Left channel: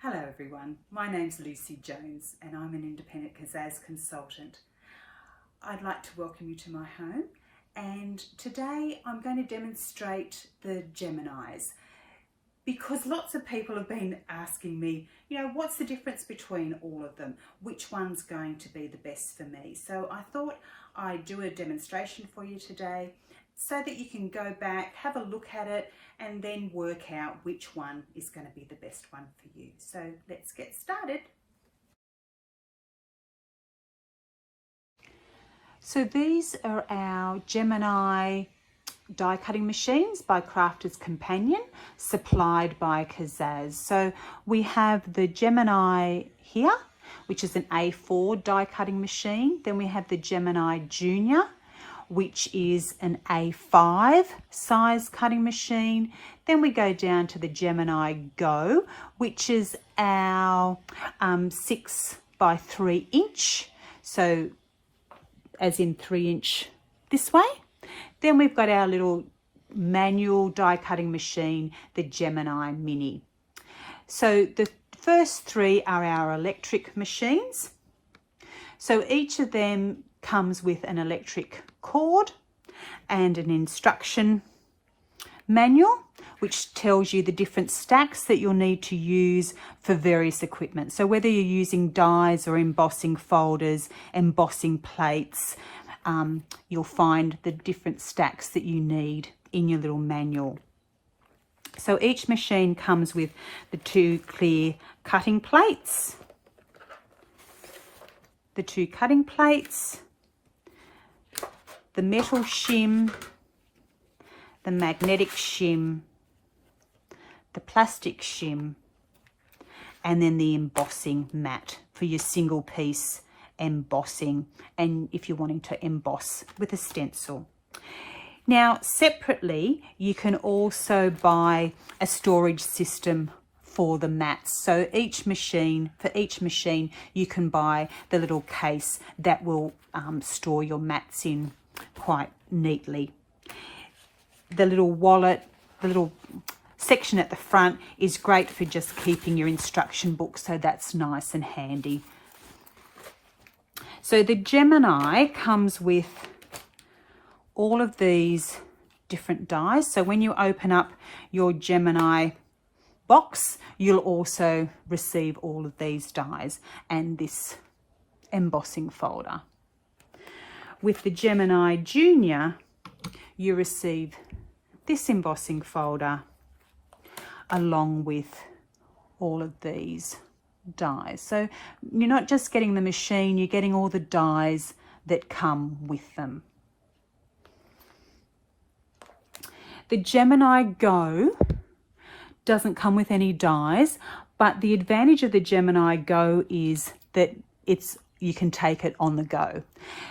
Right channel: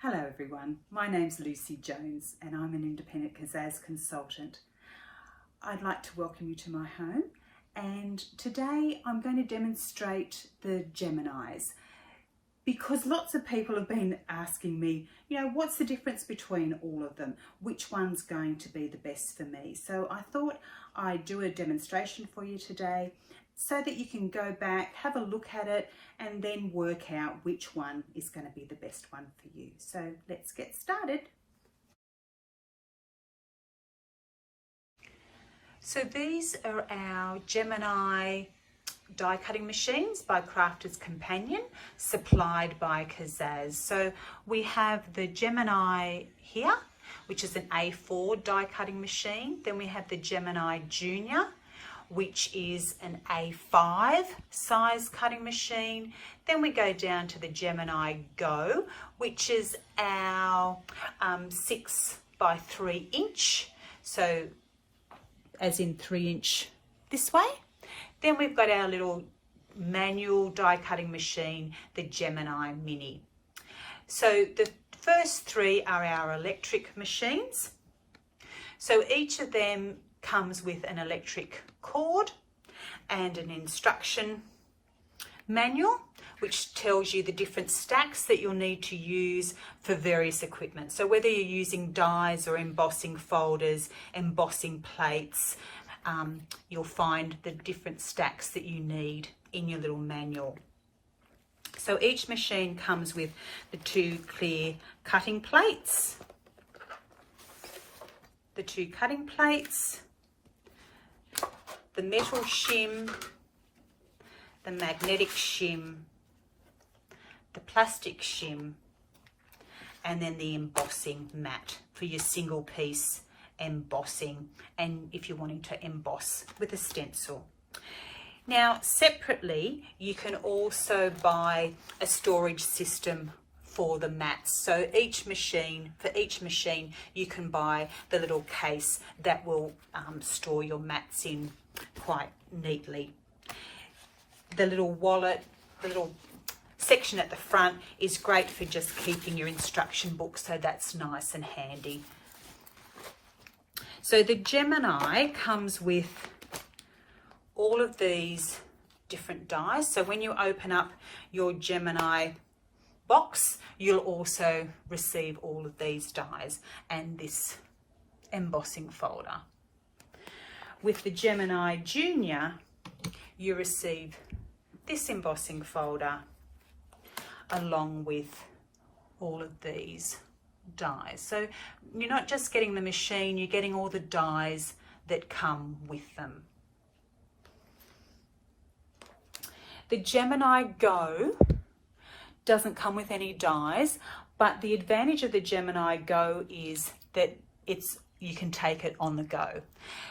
Hello everyone, my name's Lucy Jones and I'm an independent Kazaz consultant. I'd like to welcome you to my home, and today I'm going to demonstrate the Geminis because lots of people have been asking me, what's the difference between all of them? Which one's going to be the best for me? So I thought I'd do a demonstration for you today so that you can go back, have a look at it, and then work out which one is going to be the best one for you. So let's get started. So these are our Gemini die cutting machines by Crafter's Companion, supplied by Kazaz. So we have the Gemini here, which is an A4 die cutting machine. Then we have the Gemini Junior, which is an A5 size cutting machine. Then we go down to the Gemini Go, which is our 6 by 3 inch. So as in 3 inch this way. Then we've got our little manual die cutting machine, the Gemini Mini. So the first three are our electric machines. So each of them comes with an electric cord and an instruction manual, which tells you the different stacks that you'll need to use for various equipment. So whether you're using dies or embossing folders, embossing plates, you'll find the different stacks that you need in your little manual. So each machine comes with the 2 clear cutting plates, the metal shim, the magnetic shim, the plastic shim, and then the embossing mat for your single piece embossing, and if you're wanting to emboss with a stencil. Now separately you can also buy a storage system for the mats. So for each machine you can buy the little case that will store your mats in quite neatly. The little wallet, the little section at the front is great for just keeping your instruction book, so that's nice and handy. So the Gemini comes with all of these different dies. So when you open up your Gemini box, you'll also receive all of these dies and this embossing folder. With the Gemini Junior, you receive this embossing folder along with all of these dies. So you're not just getting the machine, you're getting all the dies that come with them. The Gemini Go doesn't come with any dies, but the advantage of the Gemini Go is that you can take it on the go.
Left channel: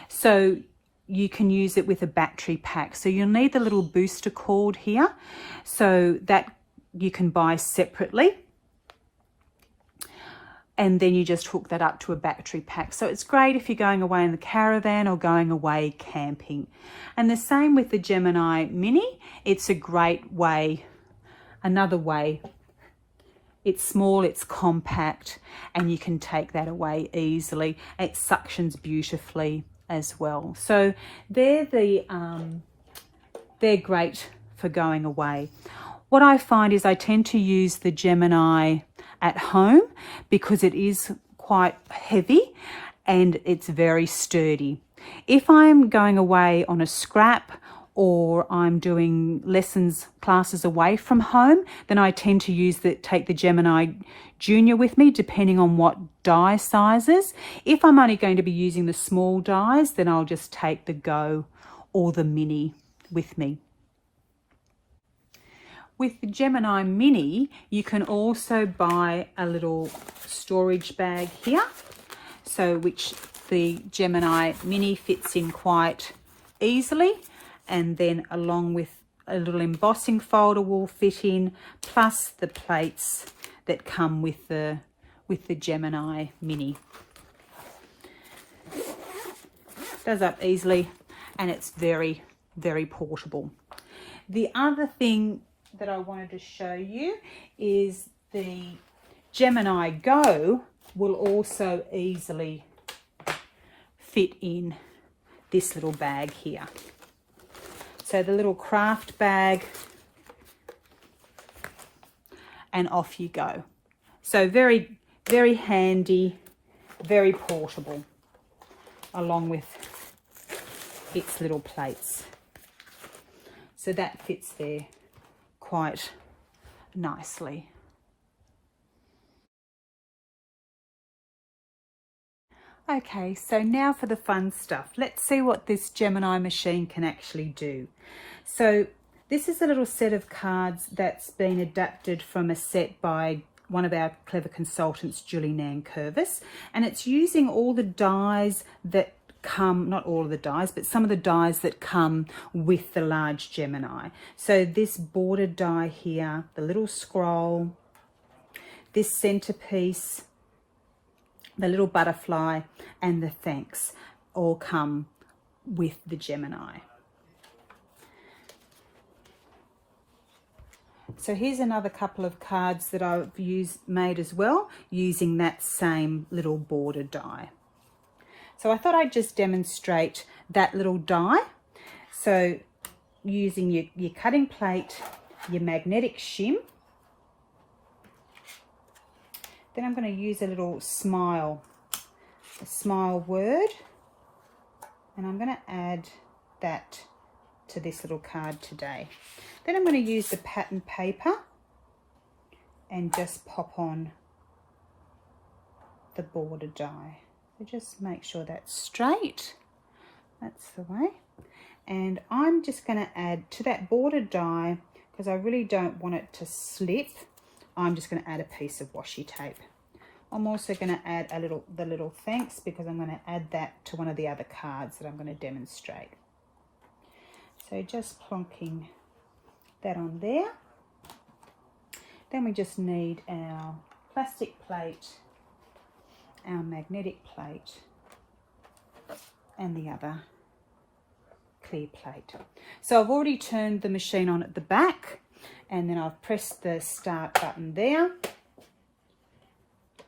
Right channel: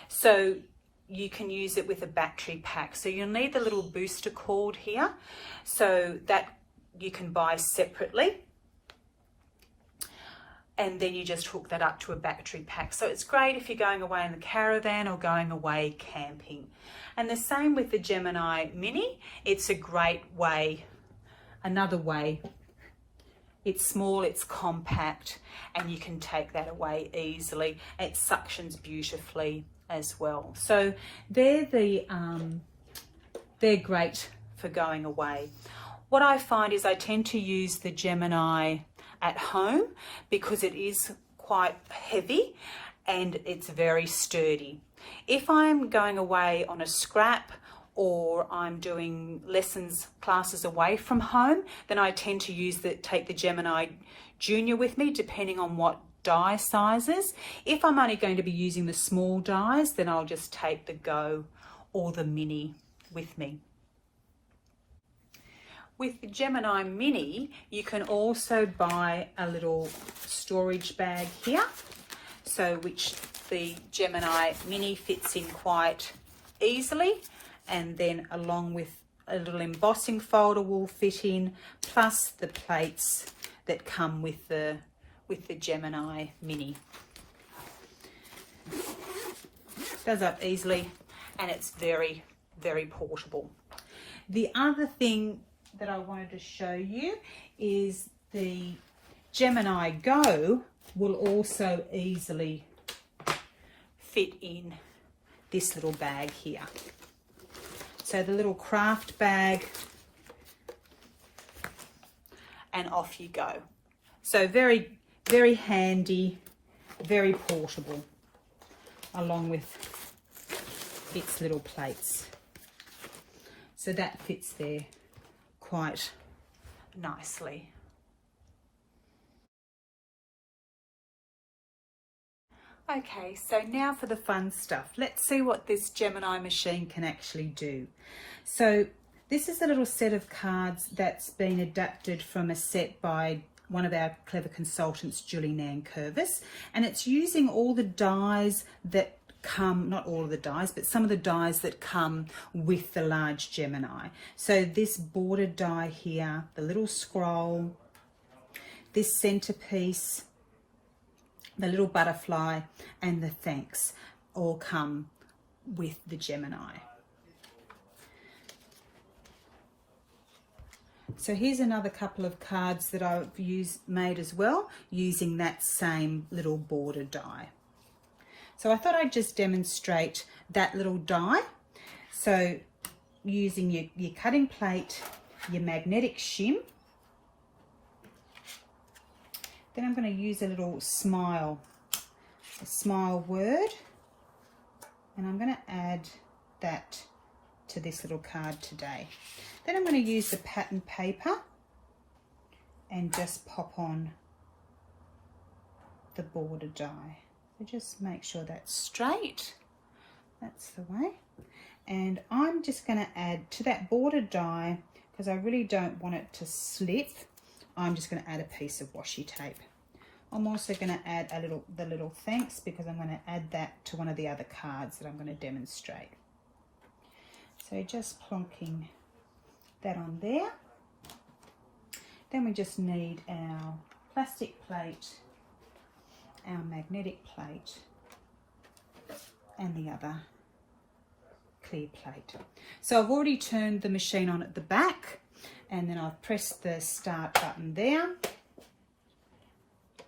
So you can use it with a battery pack. So you'll need the little booster cord here, so that you can buy separately. And then you just hook that up to a battery pack. So it's great if you're going away in the caravan or going away camping. And the same with the Gemini Mini. It's a great way, another way. It's small, it's compact, and you can take that away easily. It suctions beautifully as well. So they're great for going away. What I find is I tend to use the Gemini at home because it is quite heavy and it's very sturdy. If I'm going away on a scrap or I'm doing classes away from home, then I tend to take the Gemini Junior with me, depending on what die sizes. If I'm only going to be using the small dies, then I'll just take the Go or the Mini with me. With the Gemini Mini, you can also buy a little storage bag here, which the Gemini Mini fits in quite easily, and then along with a little embossing folder will fit in, plus the plates that come with the Gemini Mini. Goes up easily and it's very, very portable. The other thing that I wanted to show you is the Gemini Go will also easily fit in this little bag here. So the little craft bag, and off you go. So very, very handy, very portable, along with its little plates. So that fits there quite nicely. Okay, so now for the fun stuff. Let's see what this Gemini machine can actually do. So this is a little set of cards that's been adapted from a set by one of our clever consultants, Julie Nankervis, and it's using all the dies that come, not all of the dies, but some of the dies that come with the large Gemini. So this border die here, the little scroll, this centerpiece, the little butterfly, and the thanks all come with the Gemini. So here's another couple of cards that I've made as well, using that same little border die. So I thought I'd just demonstrate that little die. So using your cutting plate, your magnetic shim, then I'm going to use a little smile word, and I'm going to add that to this little card today. Then I'm going to use the pattern paper and just pop on the border die. So just make sure that's straight. That's the way. And I'm just going to add to that border die, because I really don't want it to slip, I'm just going to add a piece of washi tape. I'm also going to add the little thanks, because I'm going to add that to one of the other cards that I'm going to demonstrate. So just plonking that on there. Then we just need our plastic plate, our magnetic plate, and the other clear plate. So I've already turned the machine on at the back, and then I've pressed the start button there.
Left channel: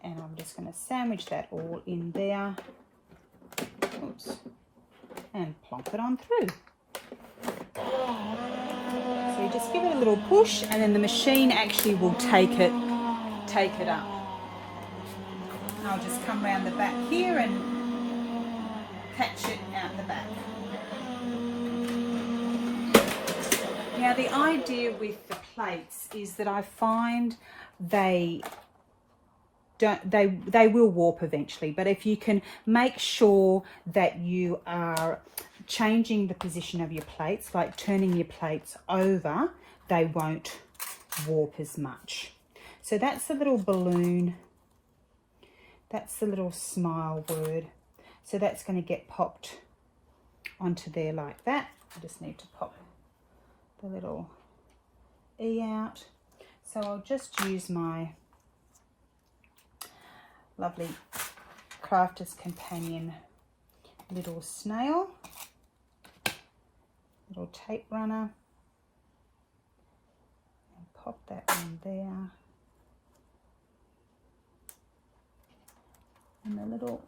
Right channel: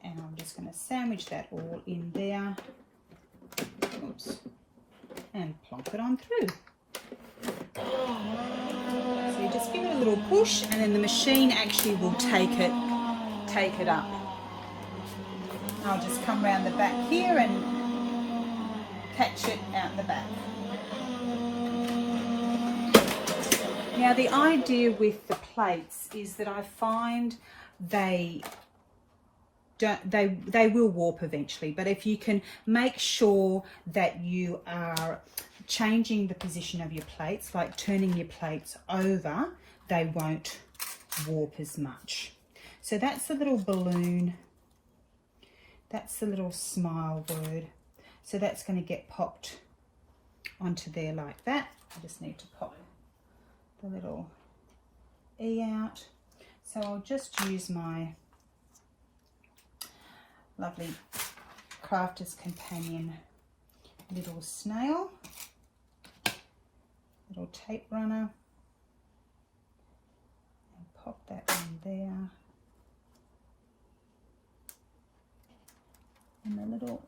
And I'm just going to sandwich that all in there. Oops. And plonk it on through. So you just give it a little push, and then the machine actually will take it up. I'll just come around the back here and catch it out the back. Now the idea with the plates is that I find they will warp eventually, but if you can make sure that you are changing the position of your plates, like turning your plates over, they won't warp as much. So that's the little balloon, that's the little smile word. So that's going to get popped onto there like that. I just need to pop the little E out. So I'll just use my lovely Crafter's Companion little snail, little tape runner, and pop that on there. And the little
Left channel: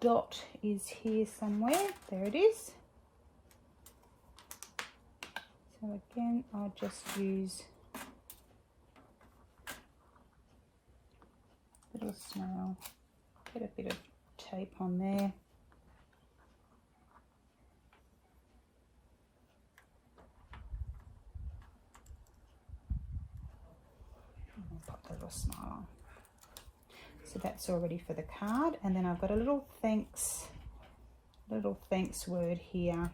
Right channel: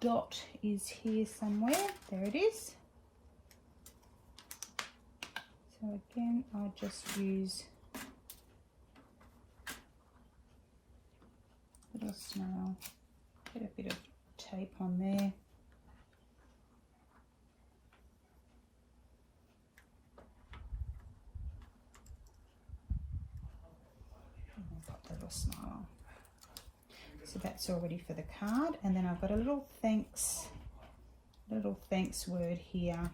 dot is here somewhere. There it is. So again, I'll just use little snail, get a bit of tape on there. And pop the little smile on. So that's all ready for the card, and then I've got a little thanks word here.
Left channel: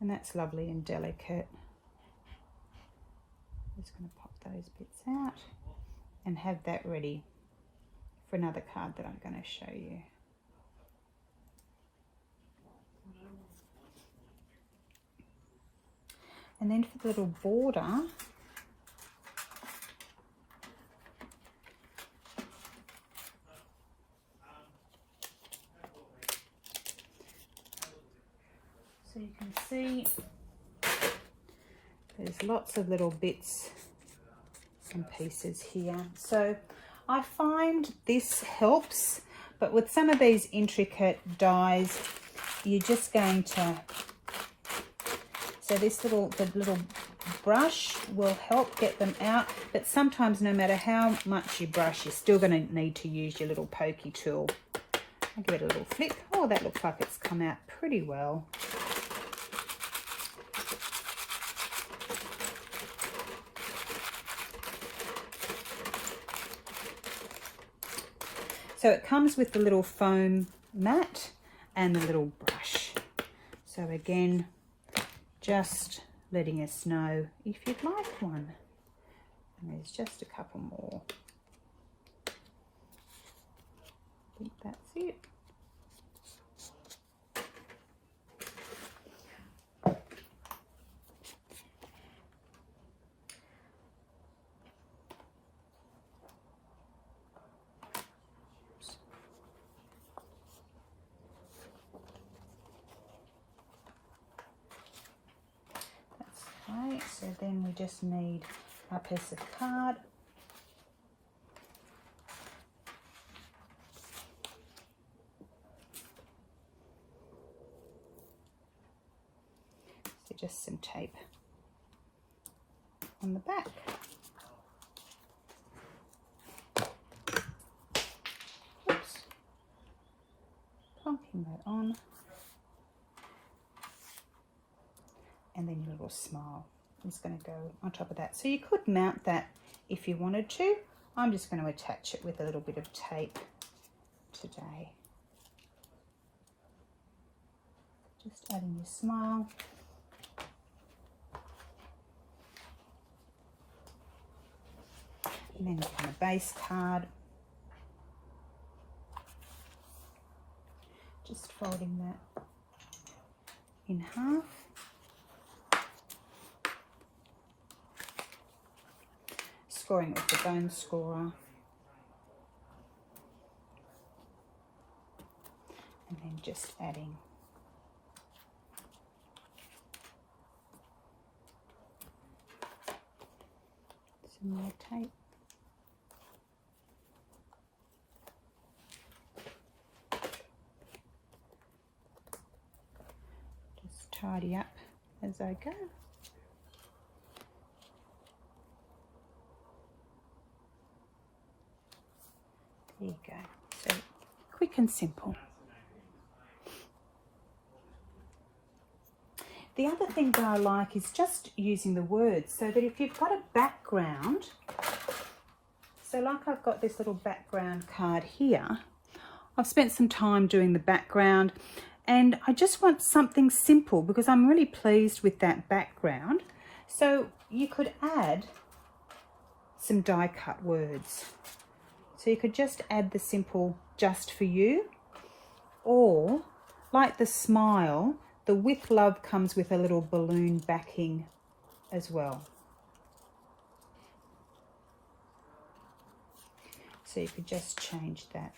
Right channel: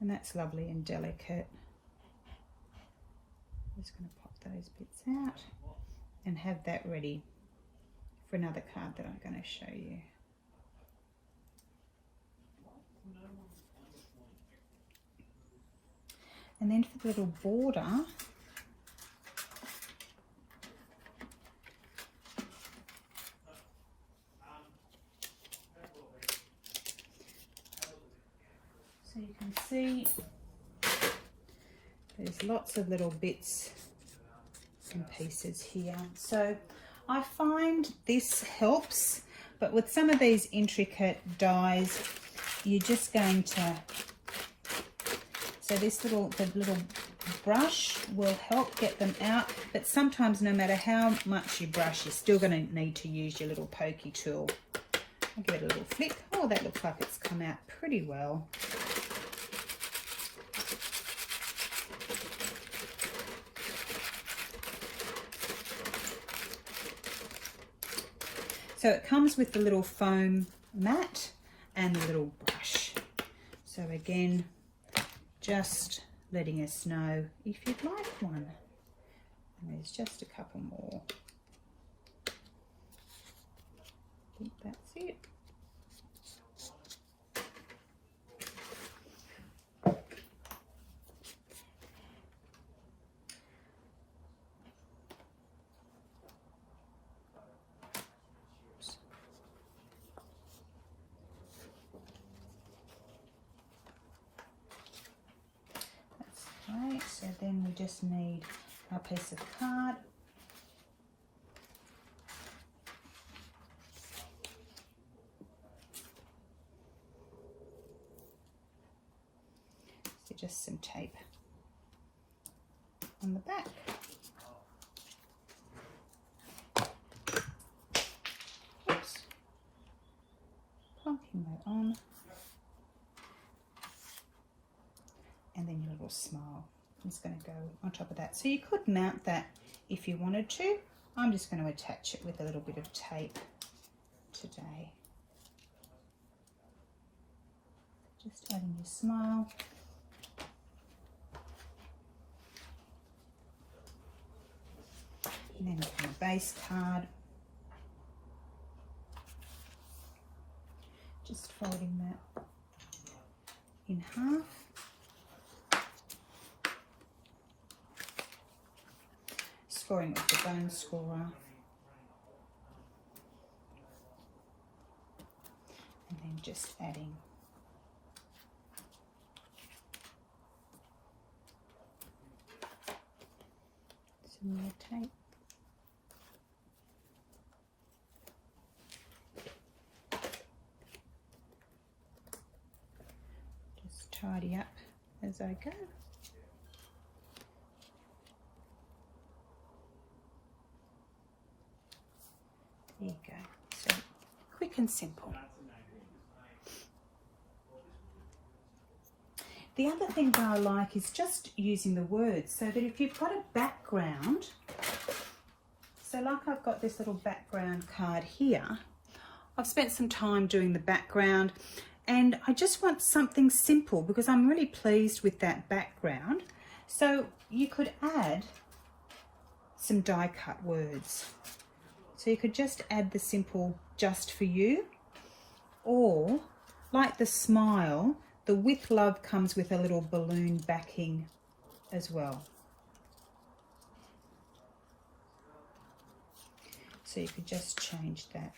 And that's lovely and delicate. I'm just going to pop those bits out and have that ready for another card that I'm going to show you. And then for the little border, so you can see There's lots of little bits and pieces here. So I find this helps, but with some of these intricate dies, you're just going to, so this little brush will help get them out, but sometimes no matter how much you brush, you're still going to need to use your little pokey tool. I'll give it a little flick. Oh, that looks like it's come out pretty well. So it comes with the little foam mat and the little brush. So again, just letting us know if you'd like one. And there's just a couple more. I think that's it. Okay, so then we just need our piece of card. So just some tape on the back. Oops. Plonking that on. And then your little smile is going to go on top of that. So you could mount that if you wanted to. I'm just going to attach it with a little bit of tape today. Just adding your smile. And then on a base card. Just folding that in half. Scoring with the bone scorer, and then just adding some more tape. Just tidy up as I go. There you go. So quick and simple. The other thing that I like is just using the words, so that if you've got a background, so like I've got this little background card here, I've spent some time doing the background and I just want something simple because I'm really pleased with that background. So you could add some die cut words. So you could just add the simple "just for you," or like the smile, the "with love" comes with a little balloon backing as well. So you could just change that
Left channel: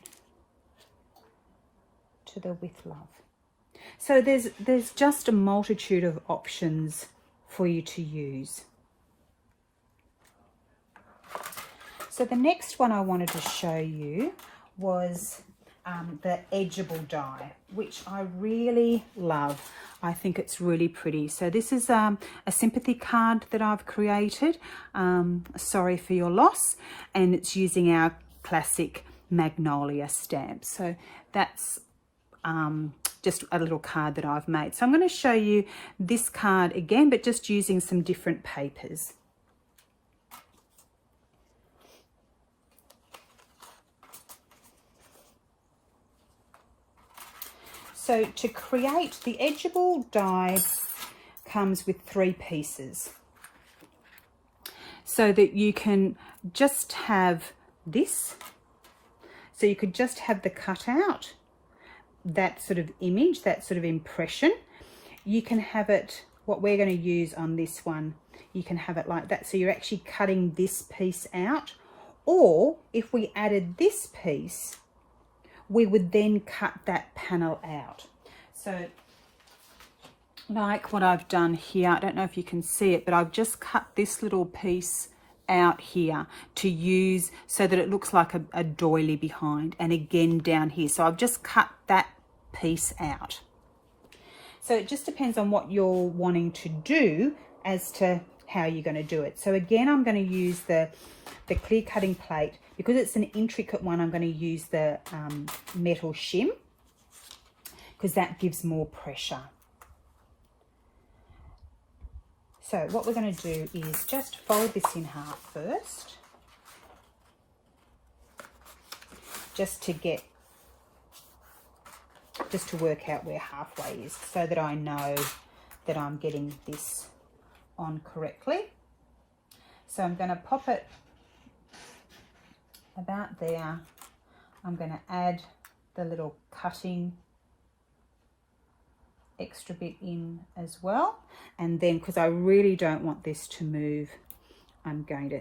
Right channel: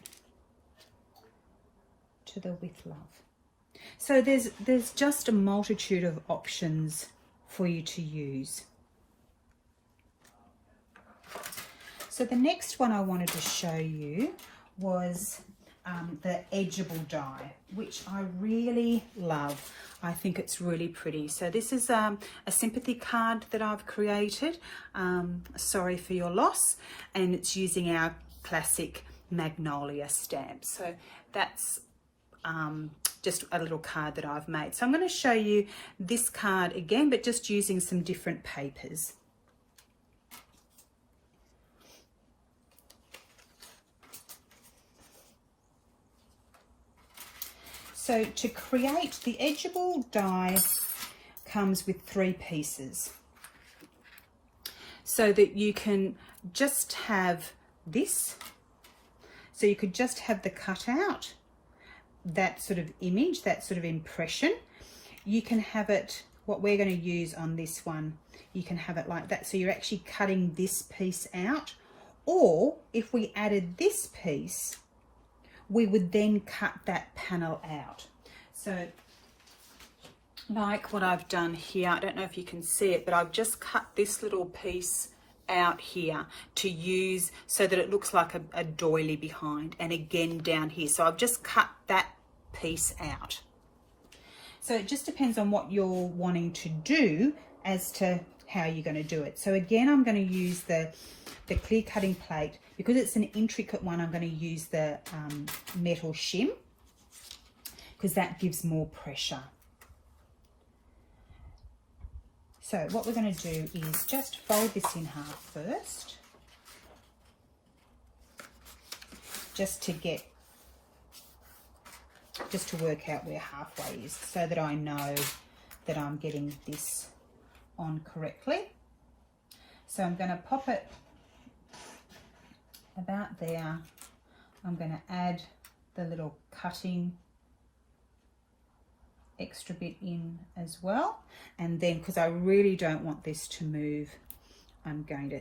to the "with love." So there's just a multitude of options for you to use. So the next one I wanted to show you was the Edgeable die, which I really love. I think it's really pretty. So this is a sympathy card that I've created, sorry for your loss, and it's using our classic Magnolia stamp. So that's just a little card that I've made. So I'm going to show you this card again, but just using some different papers. So to create the Edgeable die comes with 3 pieces, so that you can just have this. So you could just have the cutout, that sort of image, that sort of impression. You can have it, what we're going to use on this one, you can have it like that. So you're actually cutting this piece out, or if we added this piece, we would then cut that panel out. So like what I've done here. I don't know if you can see it, but I've just cut this little piece out here to use so that it looks like a doily behind, and again down here. So I've just cut that piece out. So it just depends on what you're wanting to do as to how you're going to do it. So again, I'm going to use the clear cutting plate. Because it's an intricate one, I'm going to use the metal shim, because that gives more pressure. So what we're going to do is just fold this in half first, just to work out where halfway is, so that I know that I'm getting this on correctly. So I'm going to pop it about there. I'm going to add the little cutting extra bit in as well, and then because I really don't want this to move, I'm going to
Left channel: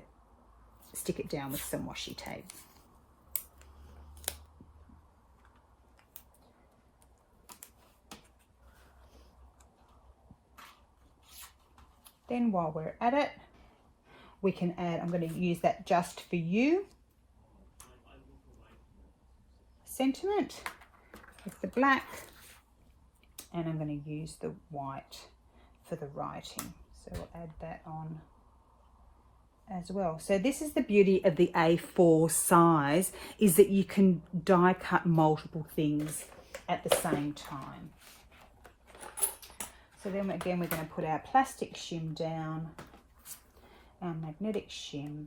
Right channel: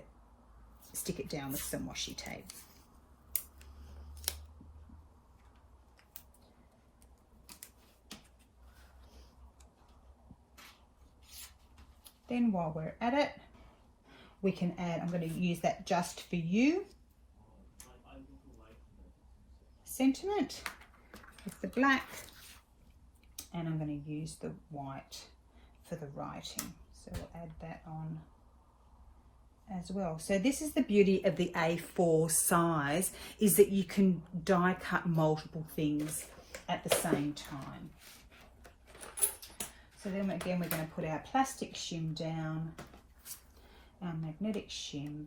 stick it down with some washi tape. Then while we're at it, we can add, I'm going to use that Just For You sentiment with the black, and I'm going to use the white for the writing. So we'll add that on as well. So this is the beauty of the A4 size, is that you can die cut multiple things at the same time. So then again, we're going to put our plastic shim down, our magnetic shim,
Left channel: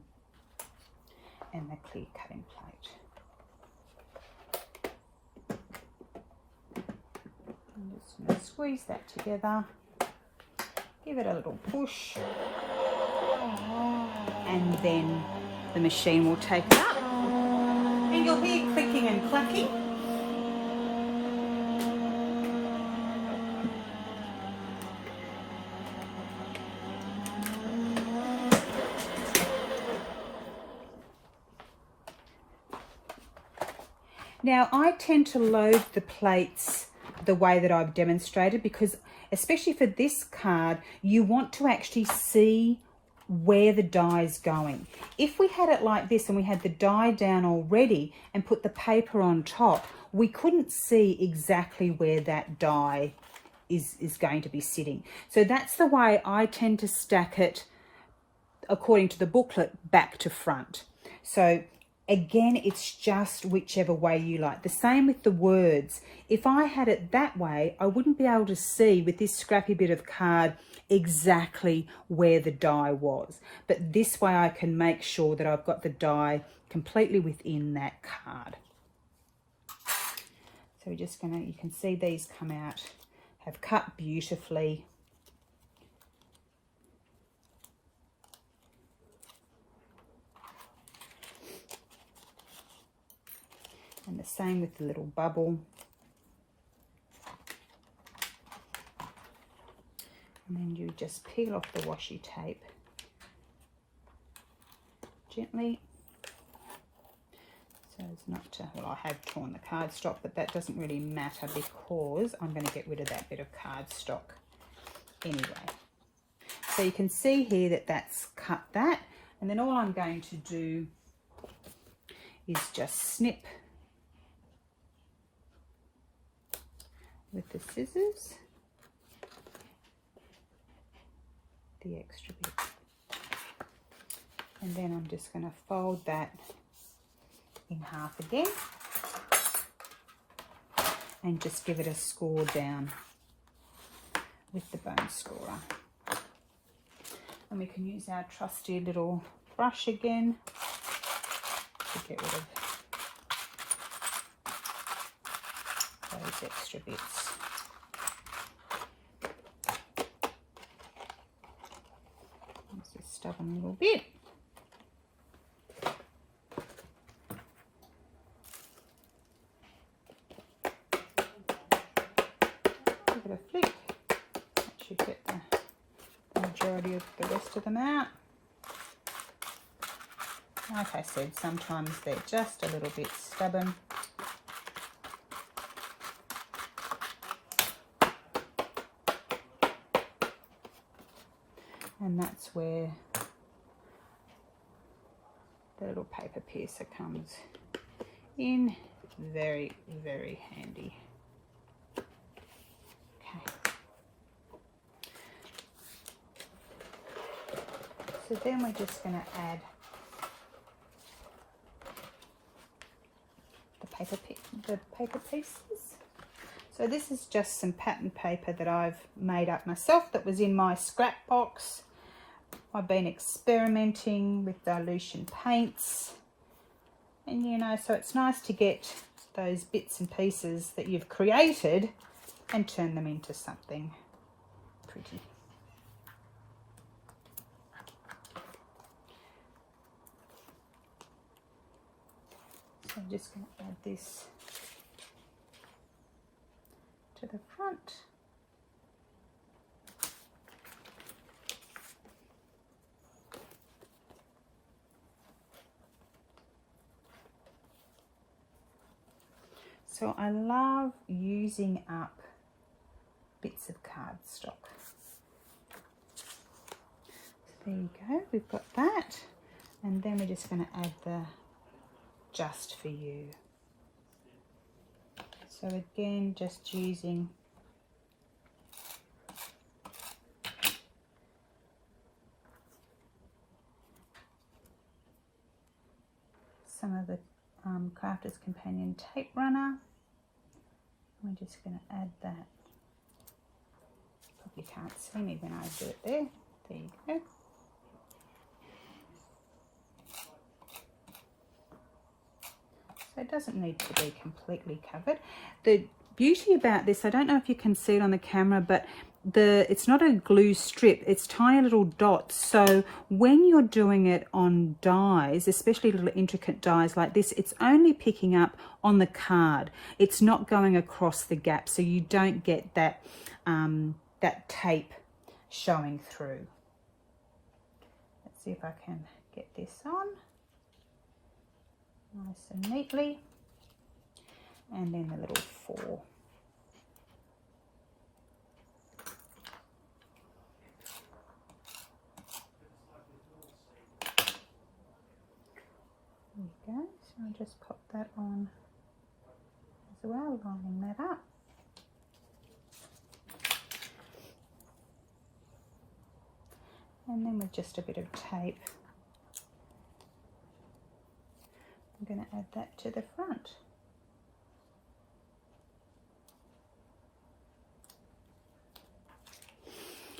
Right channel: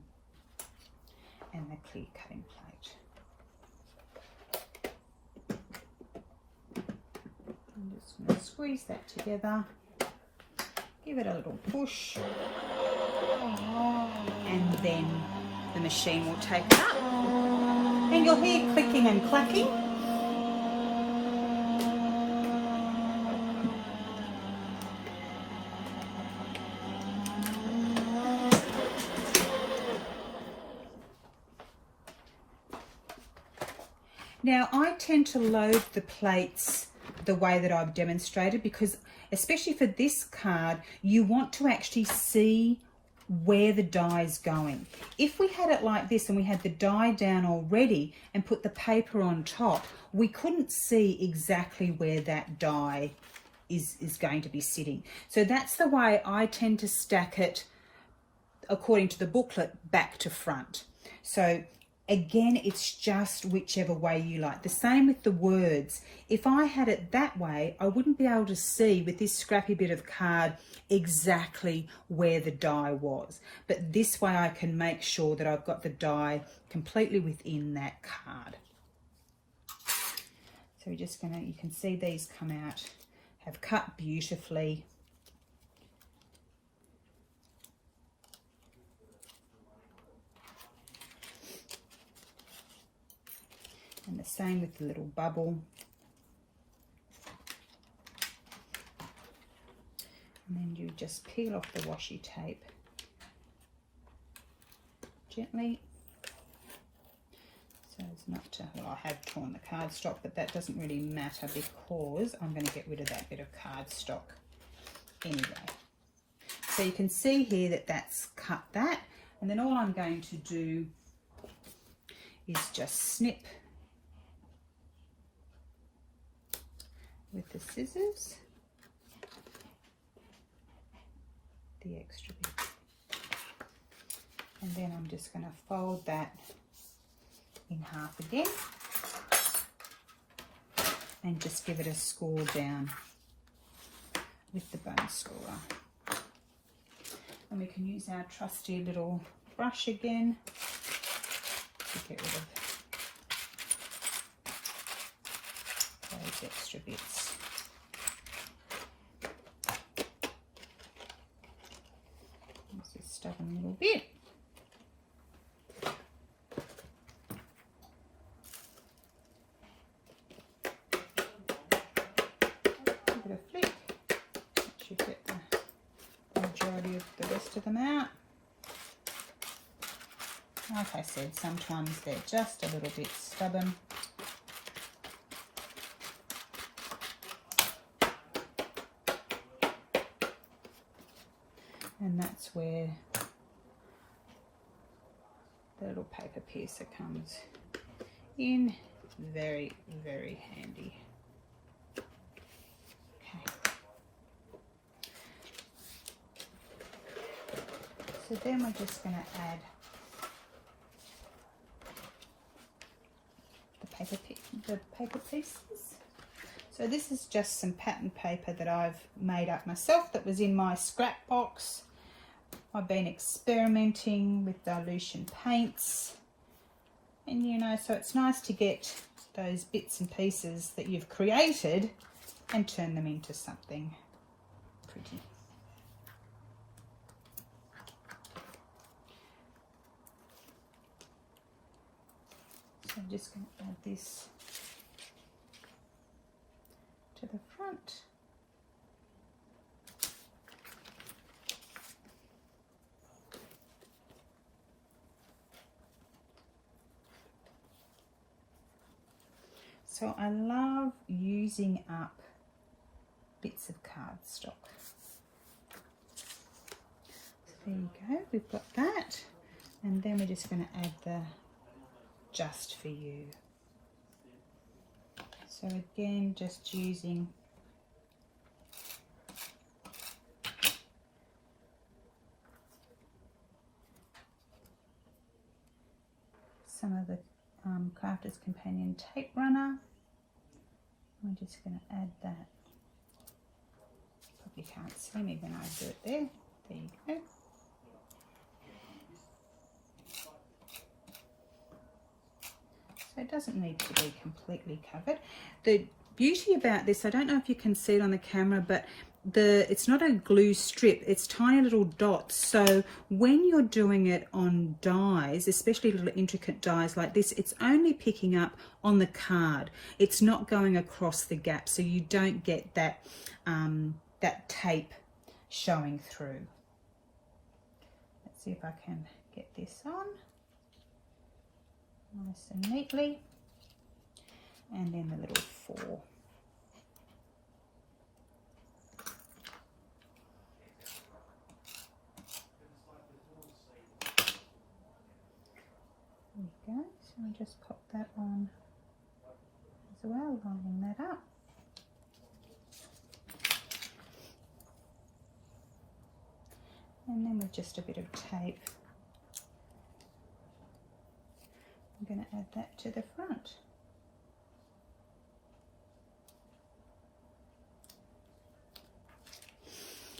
and the clear cutting plate. I'm just going to squeeze that together, give it a little push, and then the machine will take it up. Then you'll hear clicking and clacking. Now, I tend to load the plates the way that I've demonstrated, because especially for this card, you want to actually see where the die is going. If we had it like this and we had the die down already and put the paper on top, we couldn't see exactly where that die is going to be sitting. So that's the way I tend to stack it according to the booklet, back to front. So again, it's just whichever way you like. The same with the words. If I had it that way, I wouldn't be able to see with this scrappy bit of card exactly where the die was. But this way I can make sure that I've got the die completely within that card. So we're just gonna, you can see these come out, have cut beautifully. And the same with the little bubble. And then you just peel off the washi tape gently. So as not to, well, I have torn the cardstock, but that doesn't really matter because I'm going to get rid of that bit of cardstock anyway. So you can see here that that's cut that. And then all I'm going to do is just snip with the scissors the extra bit, and then I'm just going to fold that in half again and just give it a score down with the bone scorer. And we can use our trusty little brush again to get rid of those extra bits. There's a stubborn little bit. Give it a flick. That should get the majority of the rest of them out. Like I said, sometimes they're just a little bit stubborn. And that's where the little paper piercer comes in very, very handy. Okay. So then we're just going to add the paper pieces. So this is just some pattern paper that I've made up myself that was in my scrap box. I've been experimenting with dilution paints, and you know, so it's nice to get those bits and pieces that you've created and turn them into something pretty. So I'm just going to add this to the front. So I love using up bits of cardstock. So there you go, we've got that. And then we're just going to add the just for you. So again, just using some of the Crafter's Companion tape runner. I'm just going to add that. Probably can't see me when I do it there. There you go. So it doesn't need to be completely covered. The beauty about this, I don't know if you can see it on the camera, but it's not a glue strip, it's tiny little dots. So when you're doing it on dies, especially little intricate dies like this, it's only picking up on the card. It's not going across the gap, so you don't get that that tape showing through. Let's see if I can get this on nice and neatly, and then the little 4. There we go, so I'll just pop that on as well, lining that up. And then with just a bit of tape, I'm going to add that to the front.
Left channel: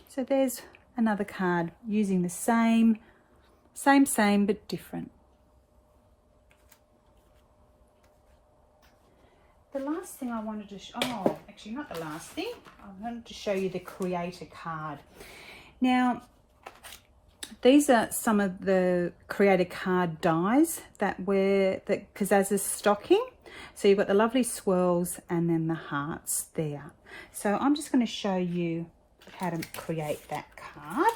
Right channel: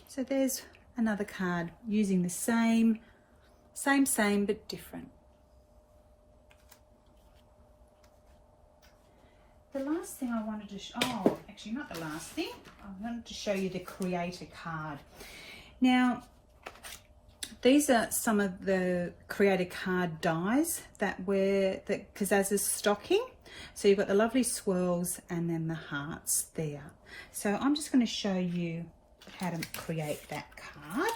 So there's another card using the same but different. The last thing I wanted to oh, actually not the last thing. I wanted to show you the Creator card. Now, these are some of the Creator card dies that Kazaz is stocking. So you've got the lovely swirls and then the hearts there. So I'm just going to show you how to create that card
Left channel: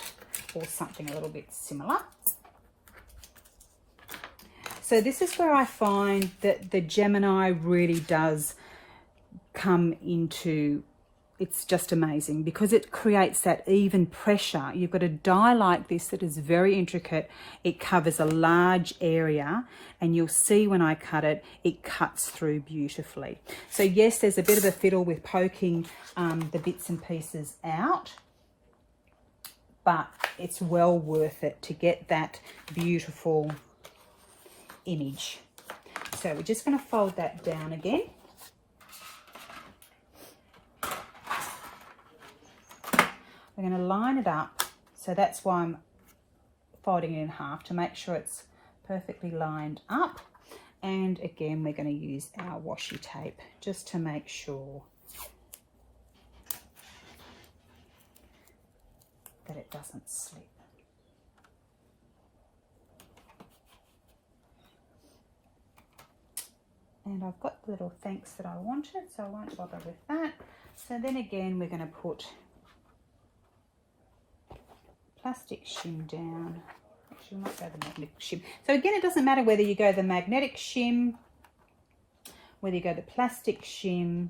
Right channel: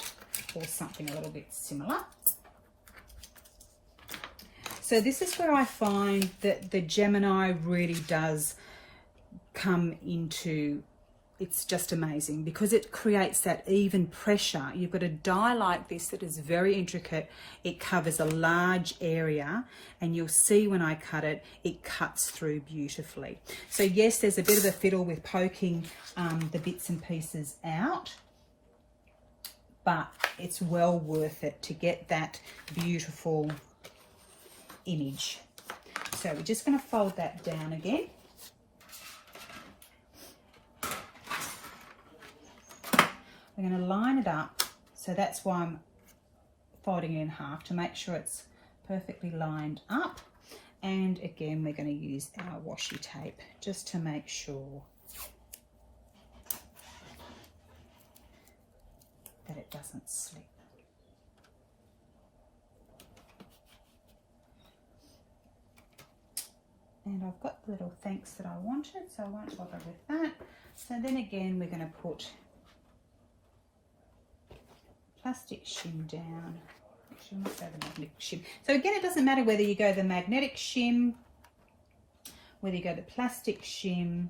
or something a little bit similar. So this is where I find that the Gemini really does come into, it's just amazing because it creates that even pressure. You've got a die like this that is very intricate. It covers a large area, and you'll see when I cut it, it cuts through beautifully. So yes, there's a bit of a fiddle with poking the bits and pieces out, but it's well worth it to get that beautiful image. So we're just going to fold that down again. We're going to line it up, so that's why I'm folding it in half, to make sure it's perfectly lined up. And again, we're going to use our washi tape just to make sure that it doesn't slip. And I've got the little thanks that I wanted, so I won't bother with that. So then again, we're going to put plastic shim down. Actually, I might go the magnetic shim. So again, it doesn't matter whether you go the magnetic shim, whether you go the plastic shim,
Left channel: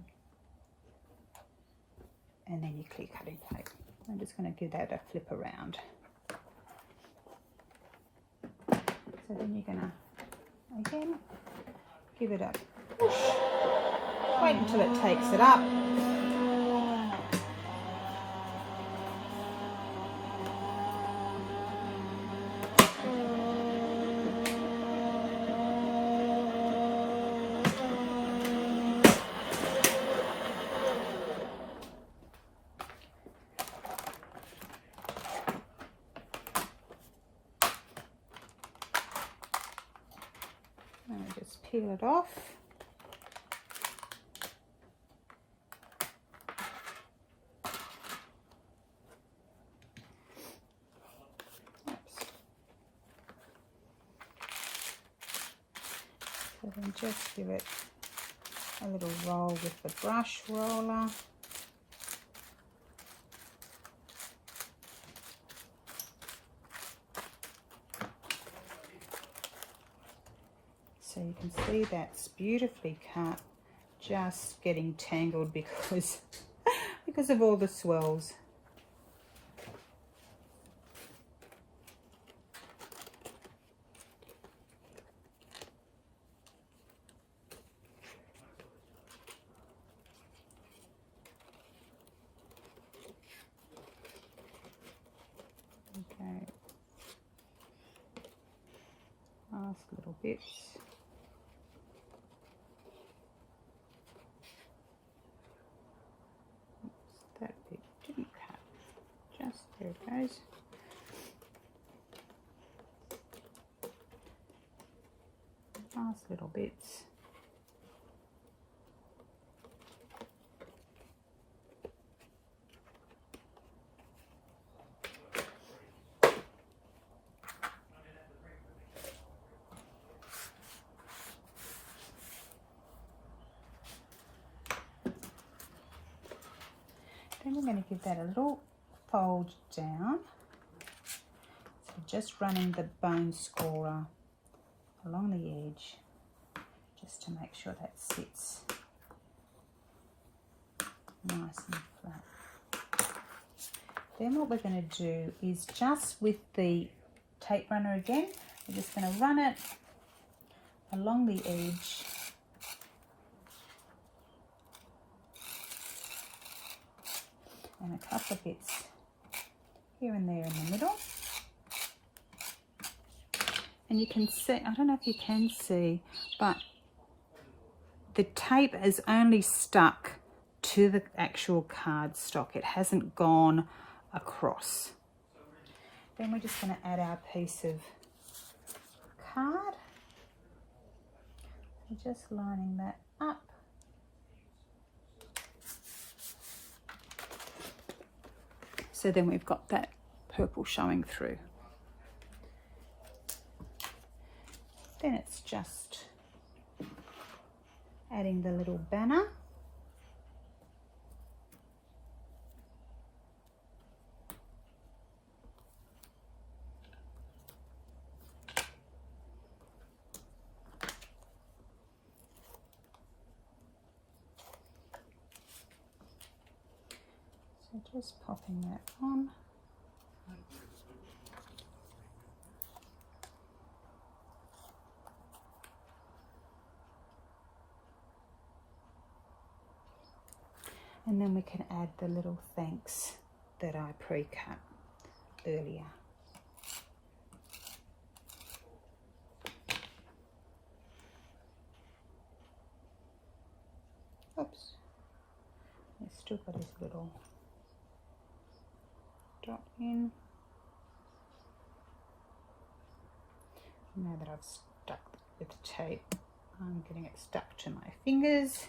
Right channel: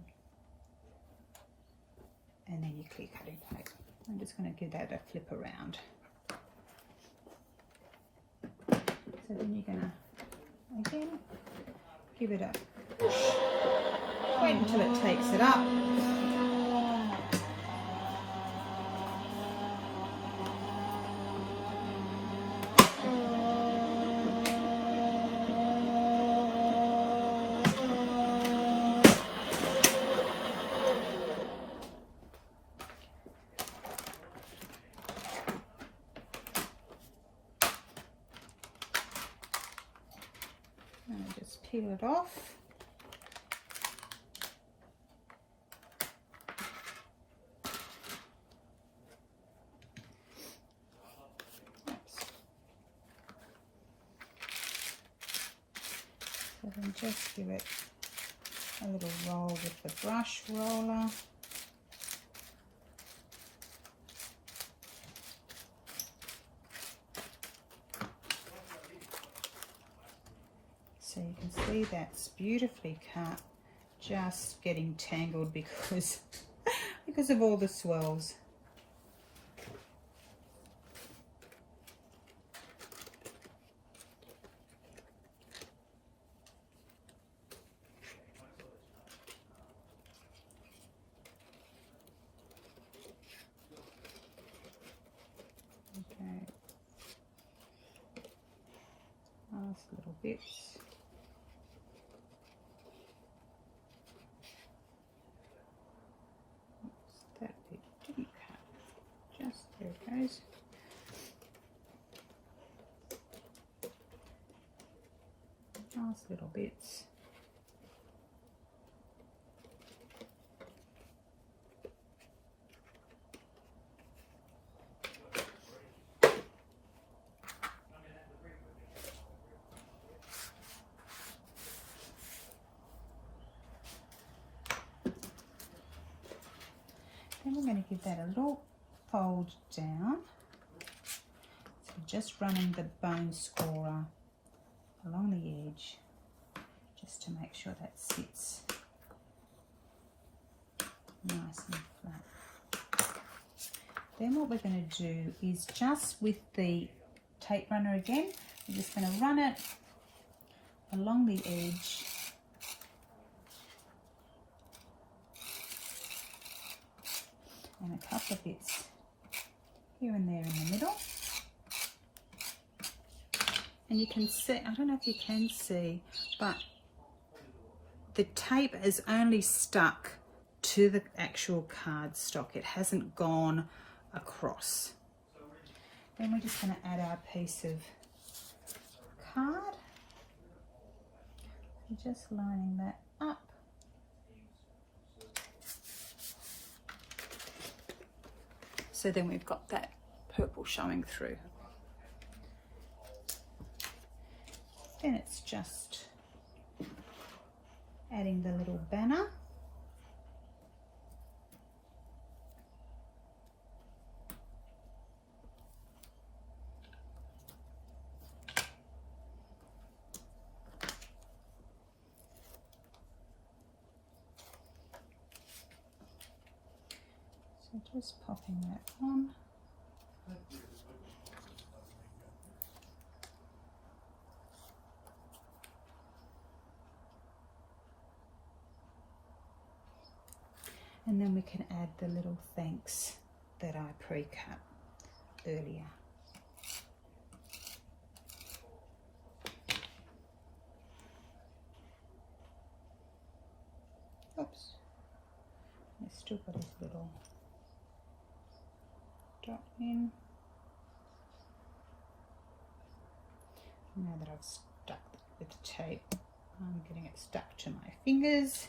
and then your clear cutting plate. I'm just going to give that a flip around. So then you're going to, again, give it a push. Wait until it takes it up. And just peel it off. So then just give it a little roll with the brush roller. So you can see that's beautifully cut, just getting tangled because of all the swirls. Okay, last little bits. That bit didn't cut, just there it goes. Last little bits. Then we're going to give that a little fold down. So just running the bone scorer along the edge just to make sure that sits nice and flat. Then what we're going to do is just with the tape runner again, we're just going to run it along the edge. And a couple of bits here and there in the middle. And you can see, I don't know if you can see, but the tape is only stuck to the actual cardstock. It hasn't gone across. Then we're just going to add our piece of card. We're just lining that up. So then we've got that purple showing through. Then it's just adding the little banner. So just popping that on. And then we can add the little thanks that I pre-cut earlier. Oops, I've still got this little dot in. Now that I've stuck with the tape, I'm getting it stuck to my fingers.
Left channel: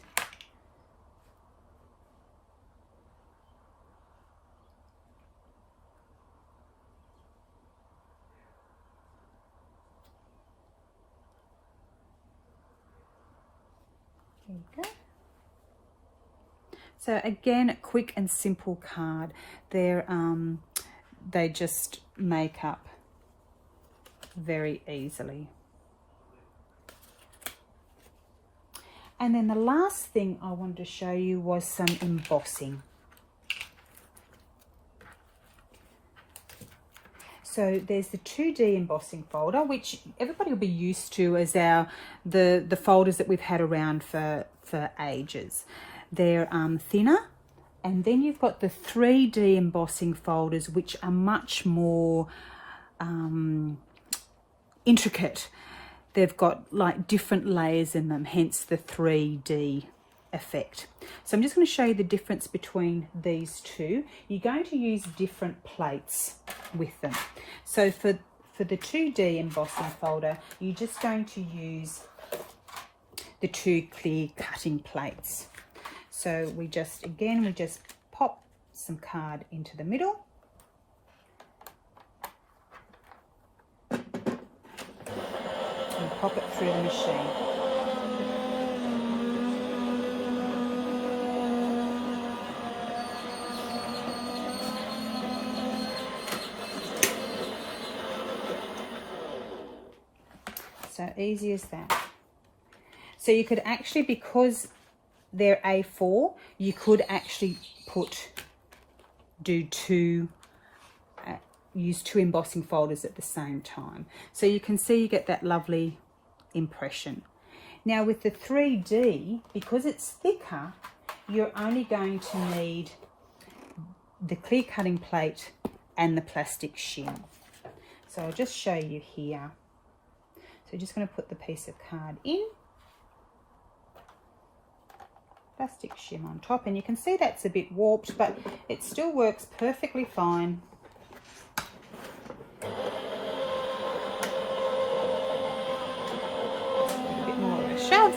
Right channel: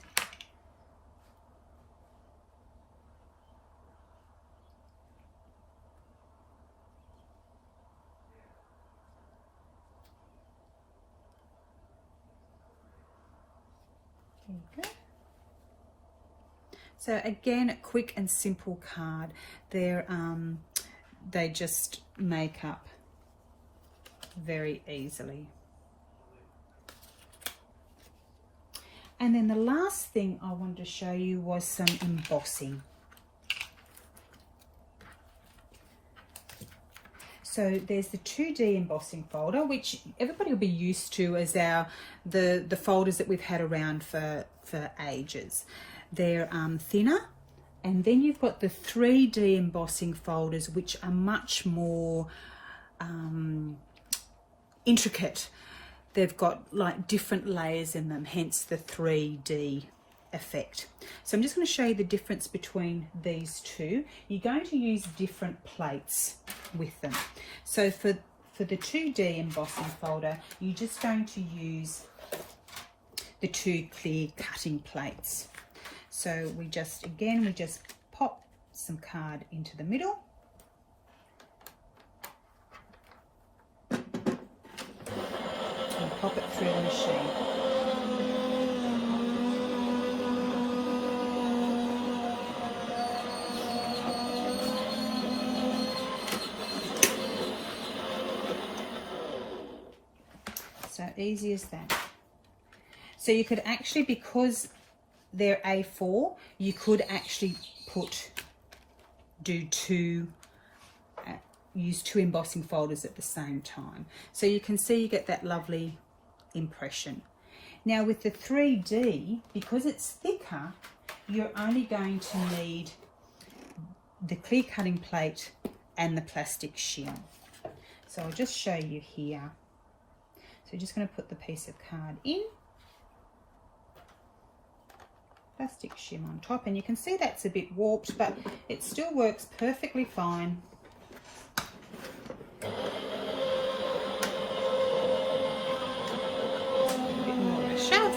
There you go. So again, quick and simple card. They just make up very easily. And then the last thing I wanted to show you was some embossing. So there's the 2D embossing folder, which everybody will be used to as the folders that we've had around for ages. They're thinner. And then you've got the 3D embossing folders, which are much more intricate. They've got like different layers in them, hence the 3D effect. So I'm just going to show you the difference between these two. You're going to use different plates with them. So for the 2D embossing folder, you're just going to use the 2 clear cutting plates. So we just pop some card into the middle. And pop it through the machine. So easy as that. So you could actually, because they're A4, you could actually use two embossing folders at the same time. So you can see you get that lovely impression. Now with the 3D, because it's thicker, you're only going to need the clear cutting plate and the plastic shim. So I'll just show you here. So just going to put the piece of card in, plastic shim on top, and you can see that's a bit warped, but it still works perfectly fine. A bit more of a shove.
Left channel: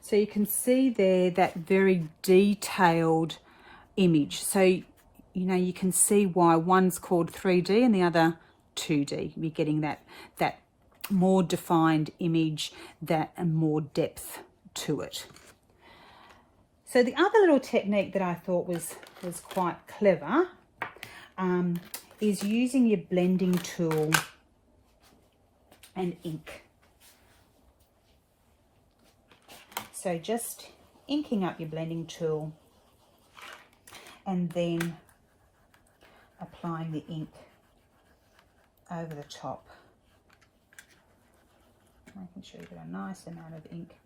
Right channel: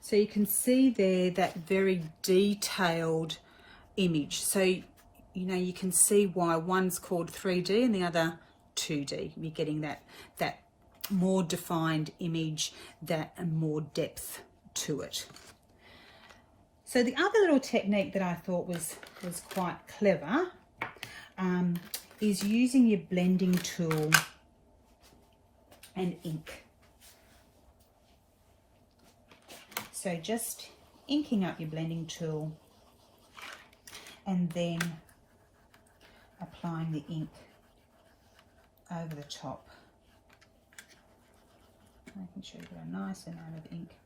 So you can see there that very detailed image. So, you know, you can see why one's called 3D and the other 2D. You're getting that more defined image, and more depth to it. So the other little technique that I thought was quite clever is using your blending tool and ink. So just inking up your blending tool and then applying the ink over the top. Making sure you get a nice amount of ink.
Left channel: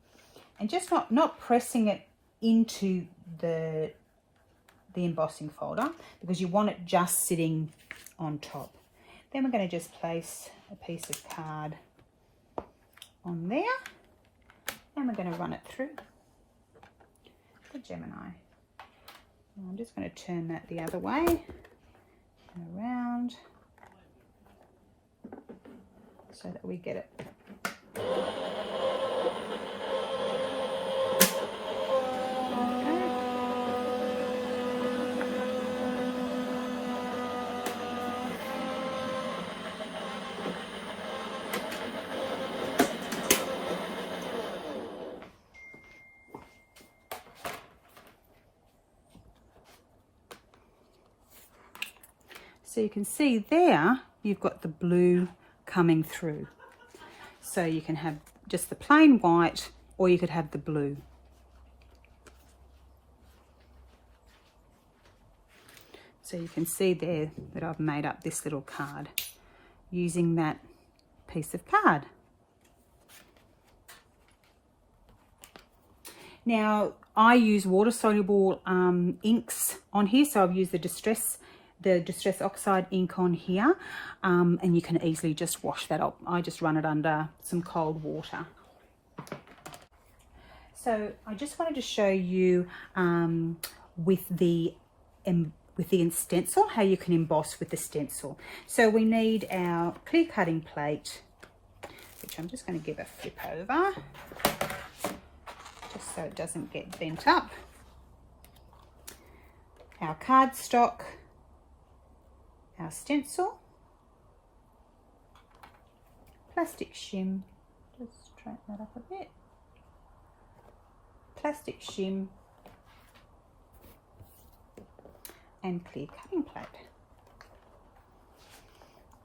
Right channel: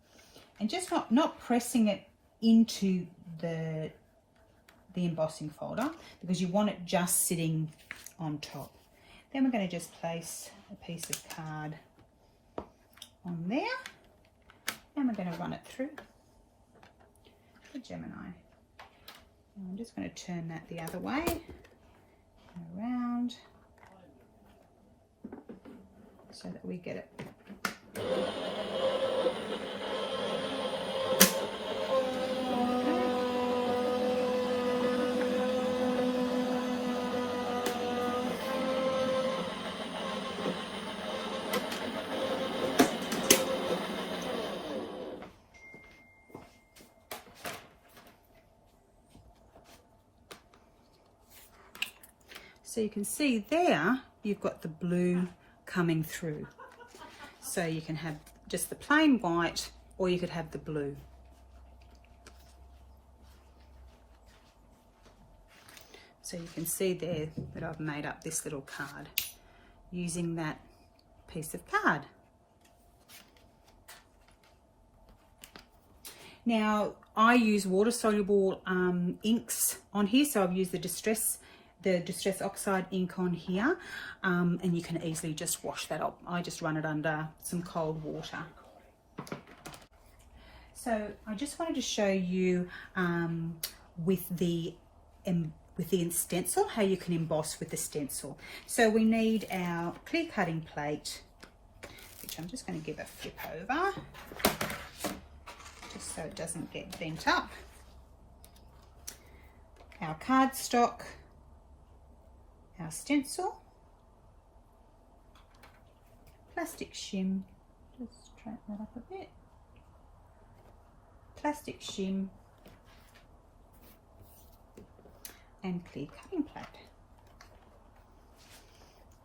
And just not pressing it into the embossing folder, because you want it just sitting on top. Then we're going to just place a piece of card on there. And we're going to run it through the Gemini. And I'm just going to turn that the other way and around so that we get it. So you can see there, you've got the blue coming through. So you can have just the plain white, or you could have the blue. So you can see there that I've made up this little card using that piece of card. Now I use water-soluble inks on here, so I've used the Distress Oxide ink on here, and you can easily just wash that up. I just run it under some cold water. So I just wanted to show you with the stencil, how you can emboss with the stencil. So we need our clear cutting plate, which I'm just going to give a flip over, just so it doesn't get bent up. Our cardstock, our stencil, plastic shim, just straighten that up a bit, plastic shim, and clear cutting plate.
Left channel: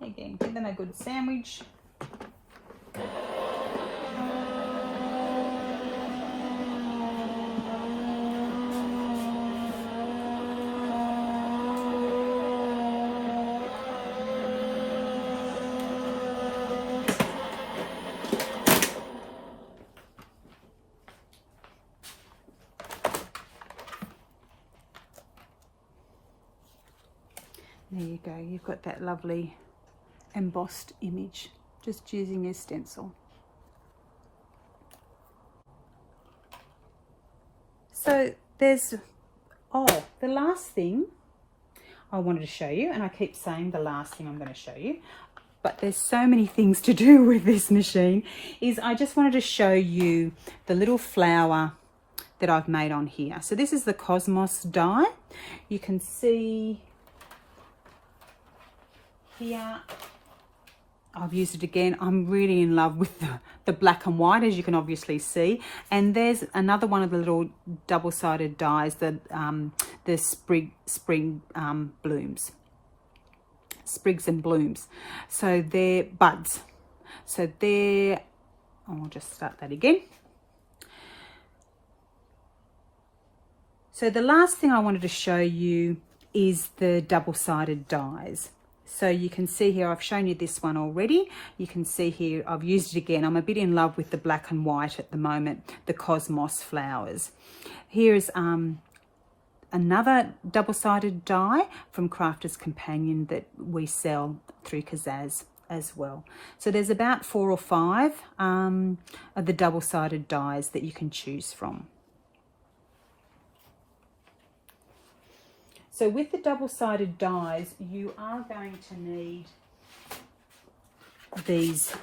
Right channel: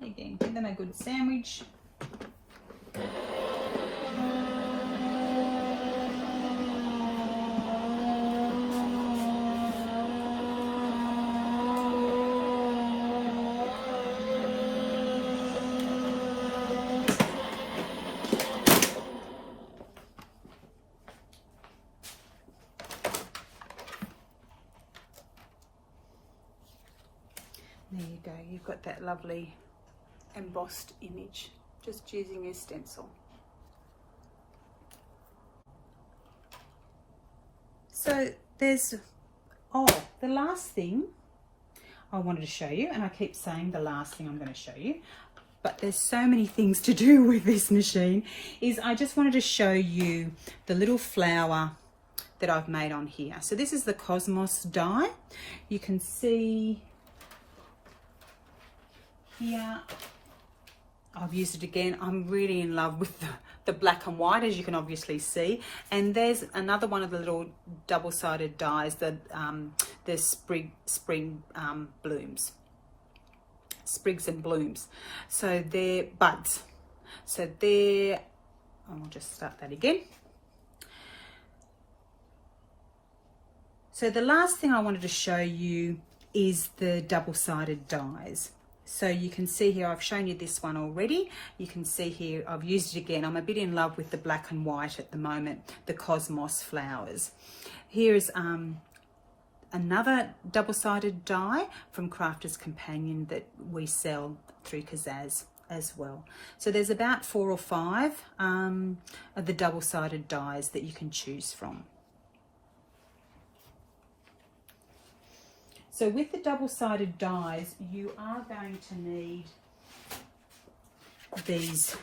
Again, give them a good sandwich. There you go, you've got that lovely embossed image, just using your stencil. So there's, the last thing I wanted to show you, and I keep saying the last thing I'm going to show you, but there's so many things to do with this machine, is I just wanted to show you the little flower that I've made on here. So this is the Cosmos die. You can see here, I've used it again. I'm really in love with the black and white, as you can obviously see. And there's another one of the little double-sided dies, the blooms, sprigs and blooms. So they're buds. So they're, I'll just start that again. So the last thing I wanted to show you is the double-sided dies. So you can see here, I've shown you this one already. You can see here, I've used it again. I'm a bit in love with the black and white at the moment, the Cosmos flowers. Here is another double-sided die from Crafter's Companion that we sell through Kazaz as well. So there's about 4 or 5 of the double-sided dies that you can choose from. So with the double-sided dies, you are going to need these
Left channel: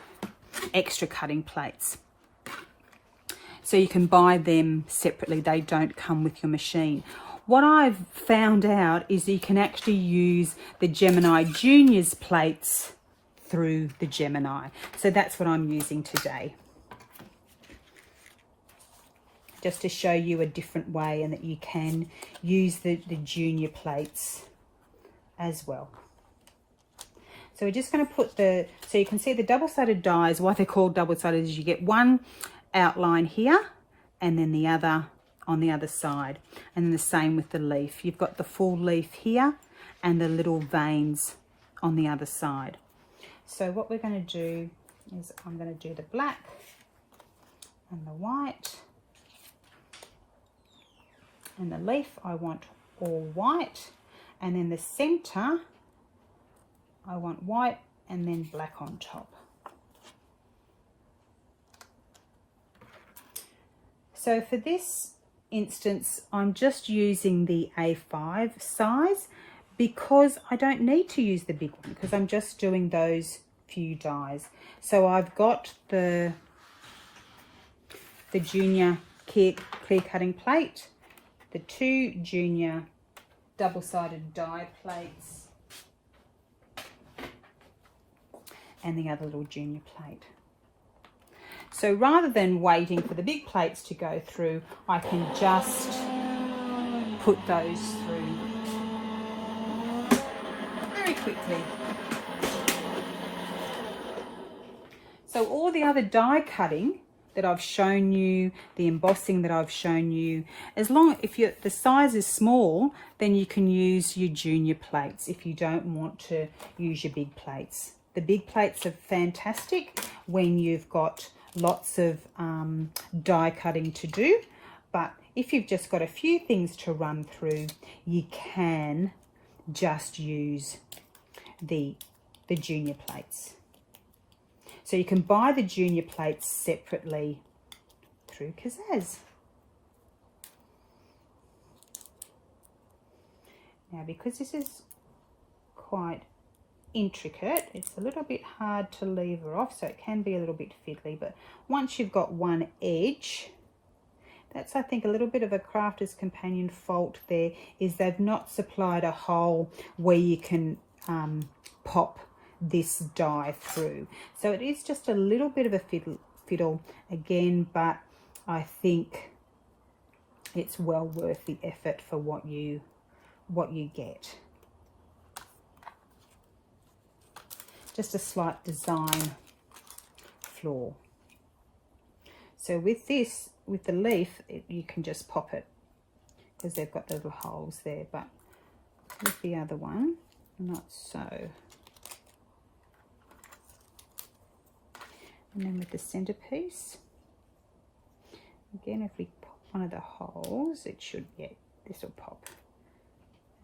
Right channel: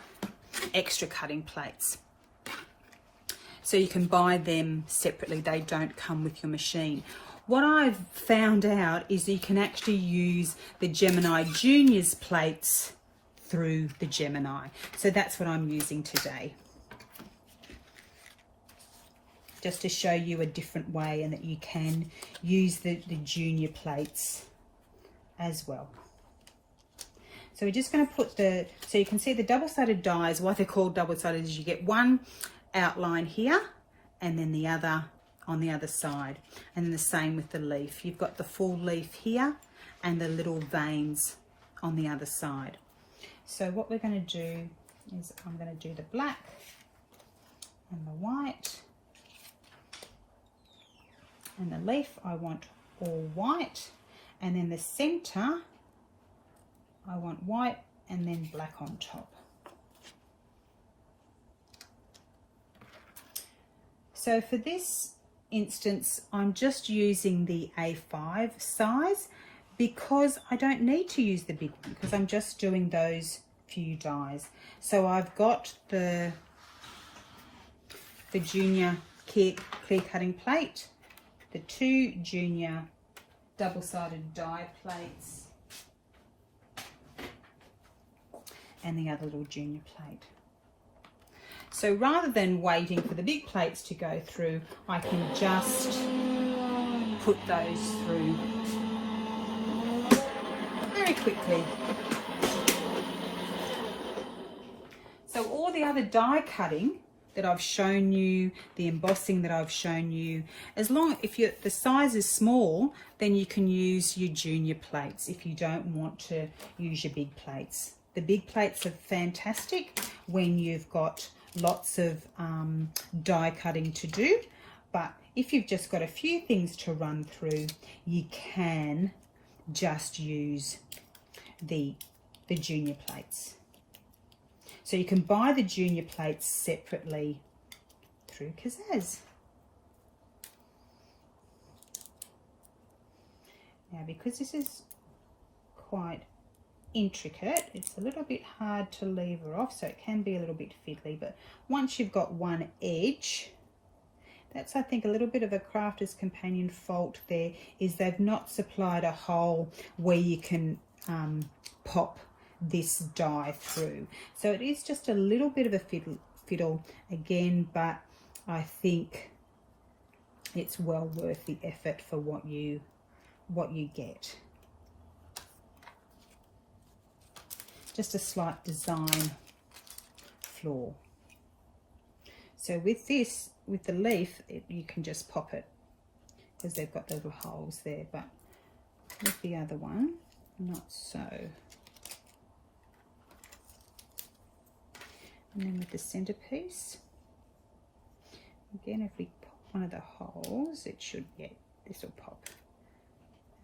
extra cutting plates. So you can buy them separately. They don't come with your machine. What I've found out is you can actually use the Gemini Juniors plates through the Gemini. So that's what I'm using today, just to show you a different way, and that you can use the junior plates as well. So we're just going to put so you can see the double-sided dies, why they're called double-sided is you get one outline here and then the other on the other side, and then the same with the leaf. You've got the full leaf here and the little veins on the other side. So what we're going to do is I'm going to do the black and the white. And the leaf I want all white, and then the center I want white and then black on top. So for this instance, I'm just using the A5 size because I don't need to use the big one, because I'm just doing those few dies. So I've got the junior clear cutting plate, the 2 junior double-sided die plates, and the other little junior plate. So rather than waiting for the big plates to go through, I can just put those through very quickly. So all the other die cutting that I've shown you, the embossing that I've shown you, if the size is small, then you can use your junior plates if you don't want to use your big plates. The big plates are fantastic when you've got lots of die cutting to do, but if you've just got a few things to run through, you can just use the junior plates. So you can buy the junior plates separately through Kazaz. Now, because this is quite intricate, it's a little bit hard to lever off, so it can be a little bit fiddly, but once you've got one edge, that's, I think, a little bit of a Crafter's Companion fault there, is they've not supplied a hole where you can pop this die through. So it is just a little bit of a fiddle again, but I think it's well worth the effort for what you just a slight design flaw. So with this, with the leaf, you can just pop it because they've got the little holes there, but with the other one, not so. And then with the centerpiece, again, if we pop one of the holes, it should, yeah, this will pop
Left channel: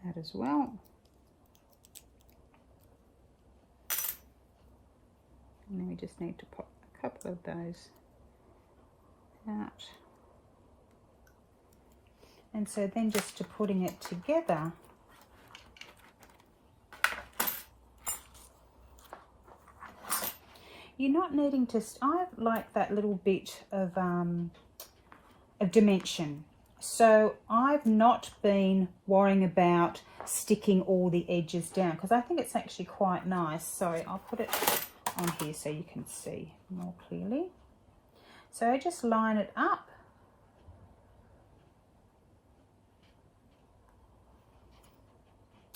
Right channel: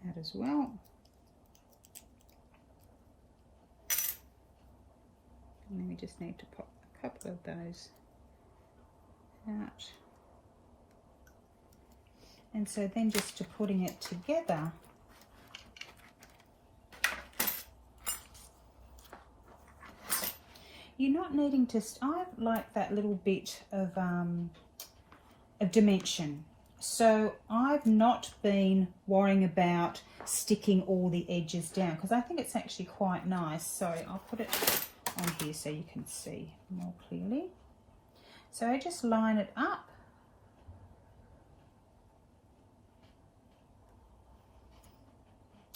out as well. And then we just need to pop a couple of those out. And so then just to putting it together, you're not needing to, I like that little bit of dimension. So I've not been worrying about sticking all the edges down because I think it's actually quite nice. So I'll put it on here so you can see more clearly. So I just line it up.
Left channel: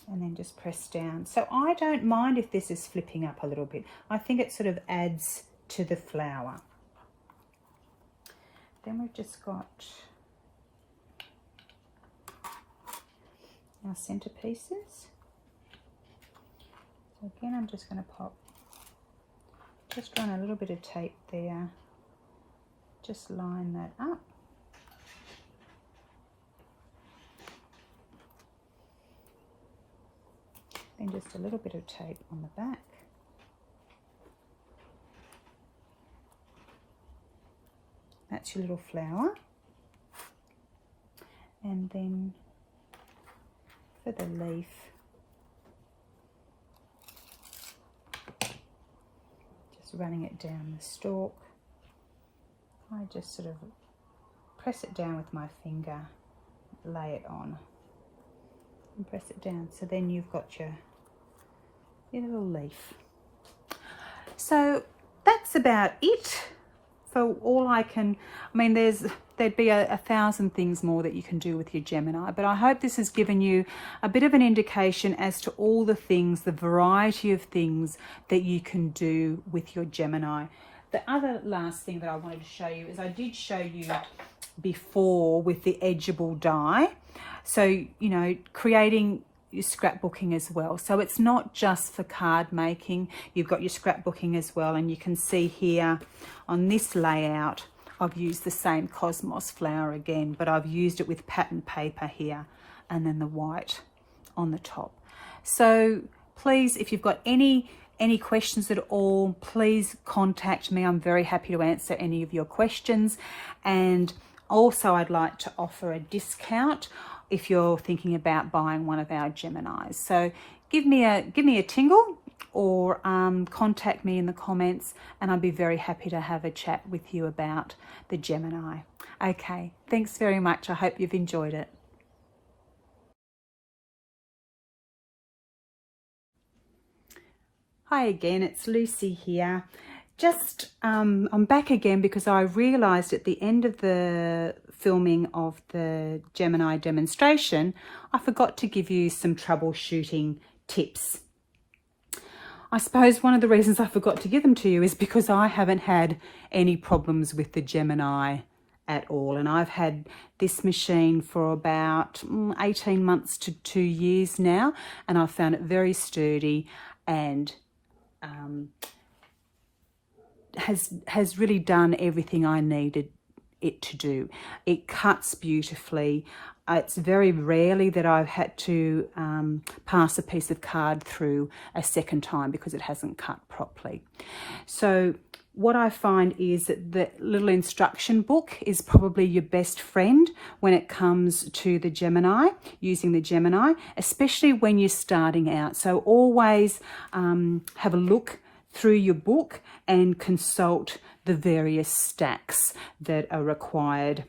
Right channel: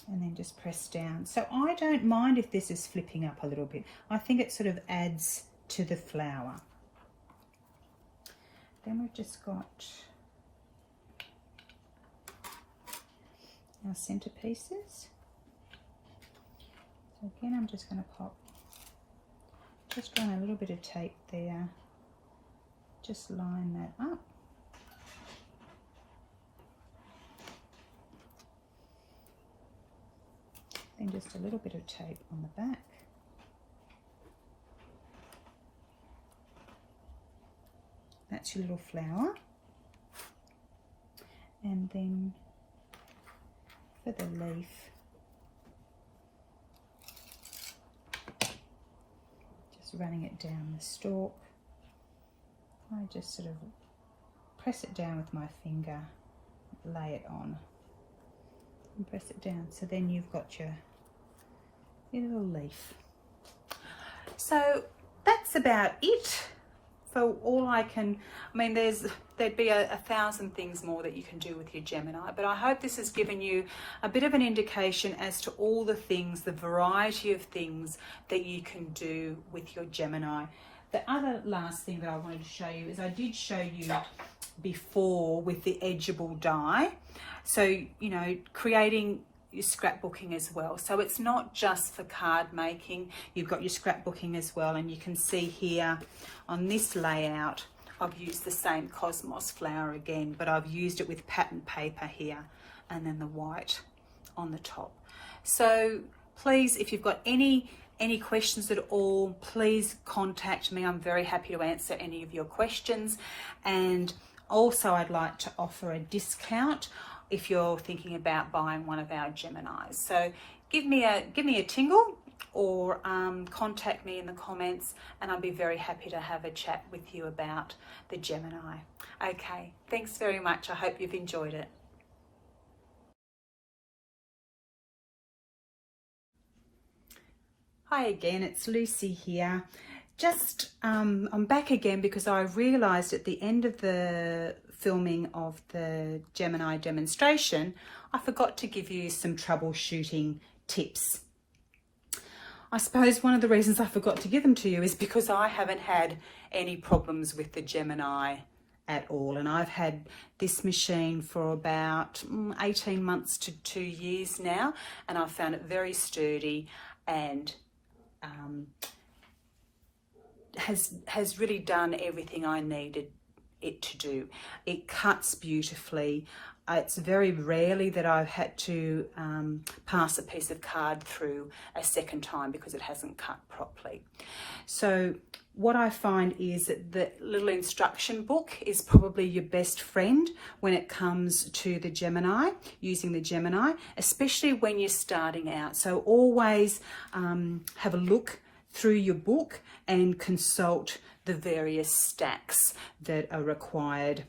And then just press down. So I don't mind if this is flipping up a little bit. I think it sort of adds to the flower. Then we've just got our centerpieces. So again, I'm just going to pop, just run a little bit of tape there. Just line that up. And just a little bit of tape on the back. That's your little flower. And then for the leaf, just running it down the stalk. I just sort of press it down with my finger, lay it on, and press it down. So then you've got your little leaf. So that's about it for all I can. I mean, there'd be a thousand things more that you can do with your Gemini, but I hope this has given you a bit of an indication as to all the things, the variety of things that you can do with your Gemini. The other last thing that I wanted to show you is I did show you before with the edgeable die. So, you know, creating your scrapbooking as well. So it's not just for card making, you've got your scrapbooking as well. And you can see here on this layout, I've used the same Cosmos flower again, but I've used it with pattern paper here and then the white on the top. So please, if you've got any questions at all, please contact me. I'm very happy to answer any of your questions. And also I'd like to offer a discount if you're thinking about buying one of our Geminis. So give me a tingle or contact me in the comments and I'll be very happy to have a chat with you about the Gemini. Okay, thanks very much. I hope you've enjoyed it. Hi again, it's Lucy here. Just I'm back again because I realized at the end of the filming of the Gemini demonstration, I forgot to give you some troubleshooting tips. I suppose one of the reasons I forgot to give them to you is because I haven't had any problems with the Gemini at all. And I've had this machine for about 18 months to 2 years now, and I've found it very sturdy and has really done everything I needed it to do. It cuts beautifully. It's very rarely that I've had to pass a piece of card through a second time because it hasn't cut properly. So what I find is that the little instruction book is probably your best friend when it comes to the Gemini, using the Gemini, especially when you're starting out. So always have a look through your book and consult the various stacks that are required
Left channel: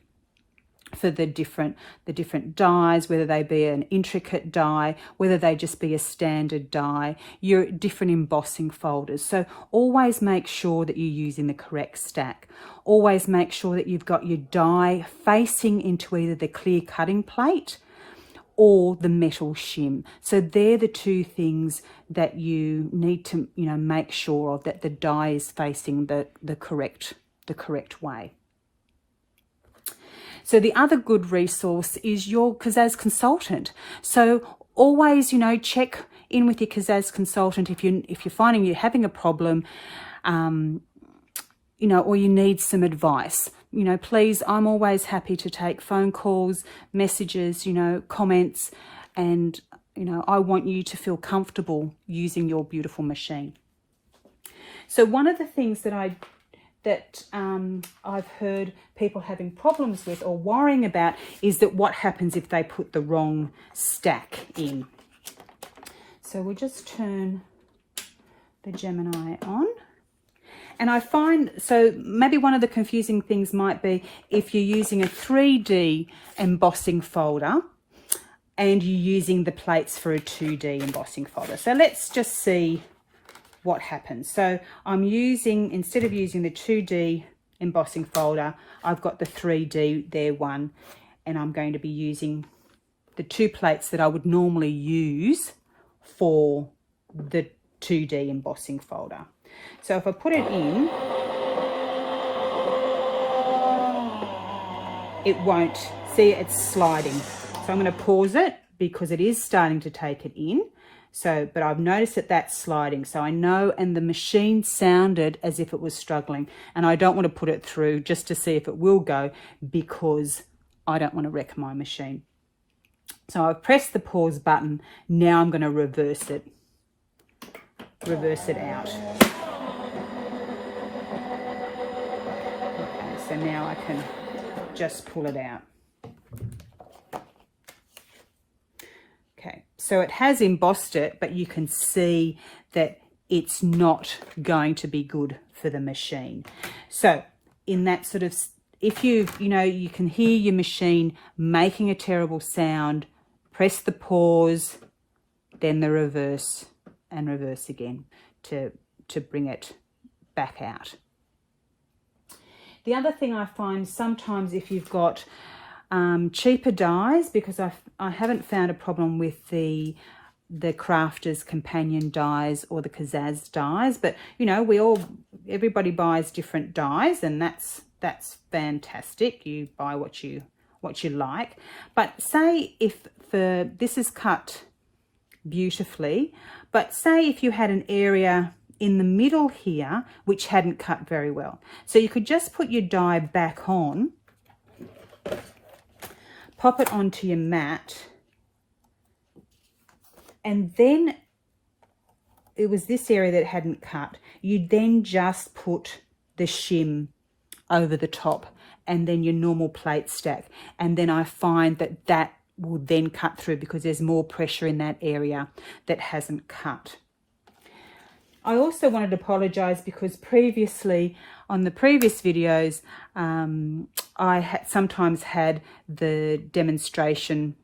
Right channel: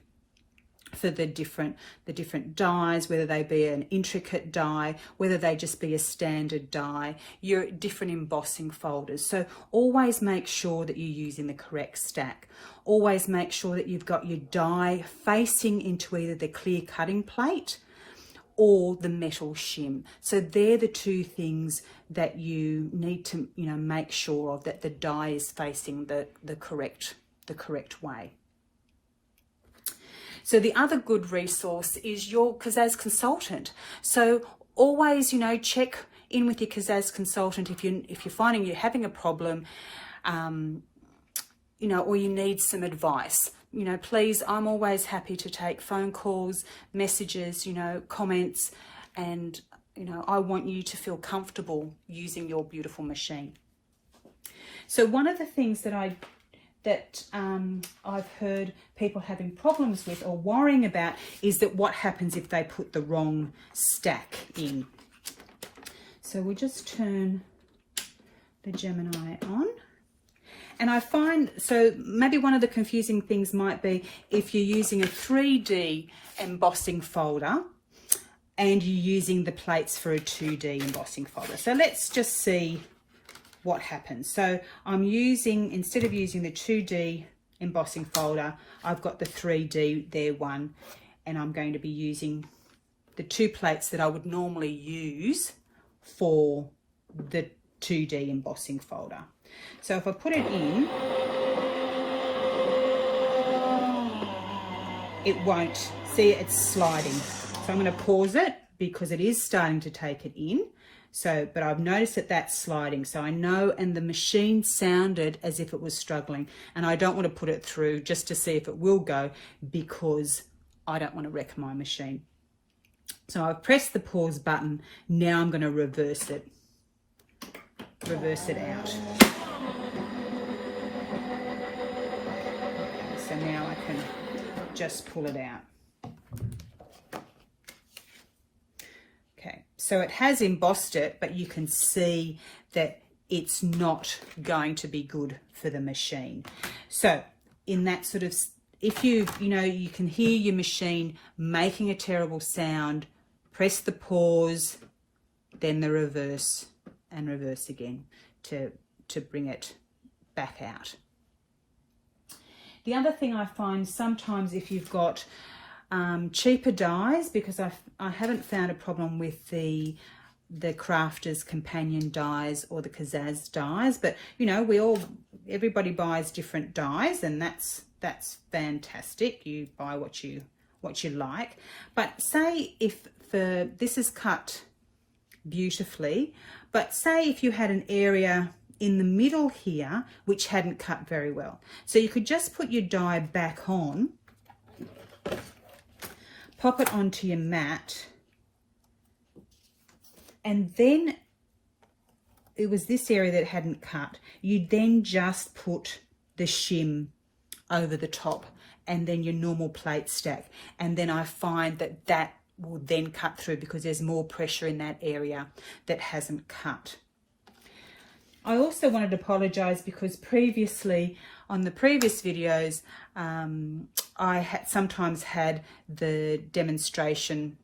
for the different dies, whether they be an intricate die, whether they just be a standard die, your different embossing folders. So always make sure that you're using the correct stack. Always make sure that you've got your die facing into either the clear cutting plate or the metal shim. So they're the two things that you need to, make sure of, that the die is facing the correct way. So the other good resource is your Kazaz consultant. So always, check in with your Kazaz consultant if you're finding you're having a problem, or you need some advice. Please, I'm always happy to take phone calls, messages, comments, and I want you to feel comfortable using your beautiful machine. So one of the things that I've heard people having problems with or worrying about is that what happens if they put the wrong stack in. So we'll just turn the Gemini on. And I find, so maybe one of the confusing things might be if you're using a 3D embossing folder and you're using the plates for a 2D embossing folder. So let's just see what happens. So I'm using, instead of using the 2D embossing folder, I've got the 3D there one, and I'm going to be using the two plates that I would normally use for the 2D embossing folder. So if I put it in, it won't, see, it's sliding. So I'm going to pause it because it is starting to take it in. So, but I've noticed that that's sliding. So I know, and the machine sounded as if it was struggling, and I don't want to put it through just to see if it will go, because I don't want to wreck my machine. So I've pressed the pause button. Now I'm going to reverse it out. Okay, so now I can just pull it out. Okay, so it has embossed it, but you can see that it's not going to be good for the machine. So in that sort of, if you can hear your machine making a terrible sound, press the pause, then the reverse, and reverse again to bring it back out. The other thing I find sometimes, if you've got cheaper dies, because I haven't found a problem with the Crafter's Companion dies or the Kazaz dies, but everybody buys different dies, and that's fantastic. You buy what you like. But say if this is cut beautifully, but say if you had an area in the middle here which hadn't cut very well, so you could just put your die back on, pop it onto your mat, and then it was this area that hadn't cut. You then just put the shim over the top and then your normal plate stack, and then I find that will then cut through because there's more pressure in that area that hasn't cut. I also wanted to apologize because previously on the previous videos I had sometimes had the demonstration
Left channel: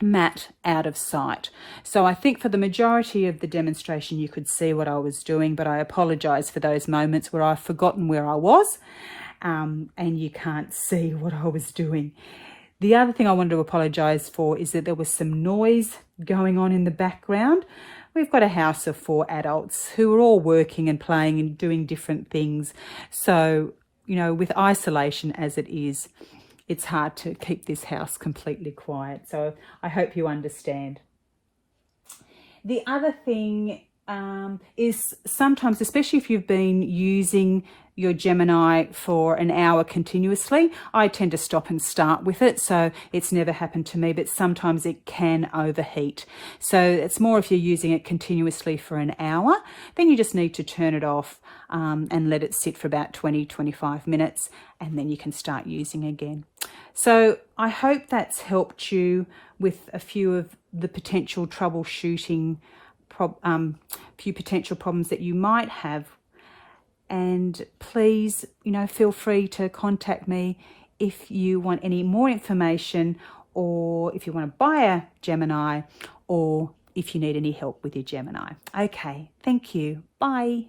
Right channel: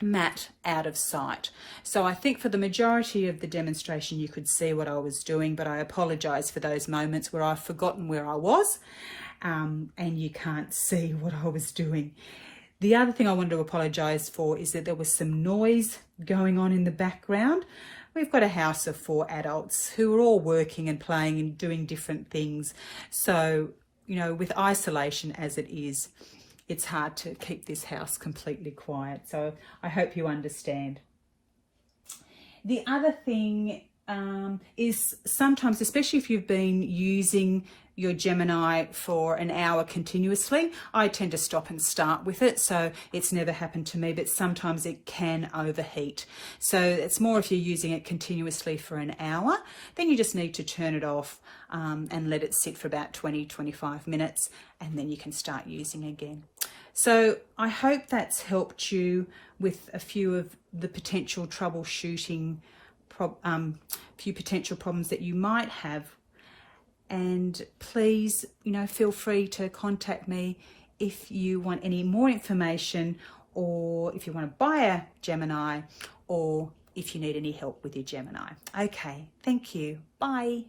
mat out of sight. So I think for the majority of the demonstration you could see what I was doing, but I apologize for those moments where I've forgotten where I was and you can't see what I was doing. The other thing I wanted to apologise for is that there was some noise going on in the background. We've got a house of 4 adults who are all working and playing and doing different things. So, with isolation as it is, it's hard to keep this house completely quiet. So I hope you understand. The other thing is sometimes, especially if you've been using your Gemini for an hour continuously, I tend to stop and start with it, so it's never happened to me, but sometimes it can overheat. So it's more if you're using it continuously for an hour, then you just need to turn it off and let it sit for about 20-25 minutes, and then you can start using again. So I hope that's helped you with a few of the potential troubleshooting few potential problems that you might have. And please, feel free to contact me if you want any more information, or if you want to buy a Gemini, or if you need any help with your Gemini. Okay, thank you. Bye.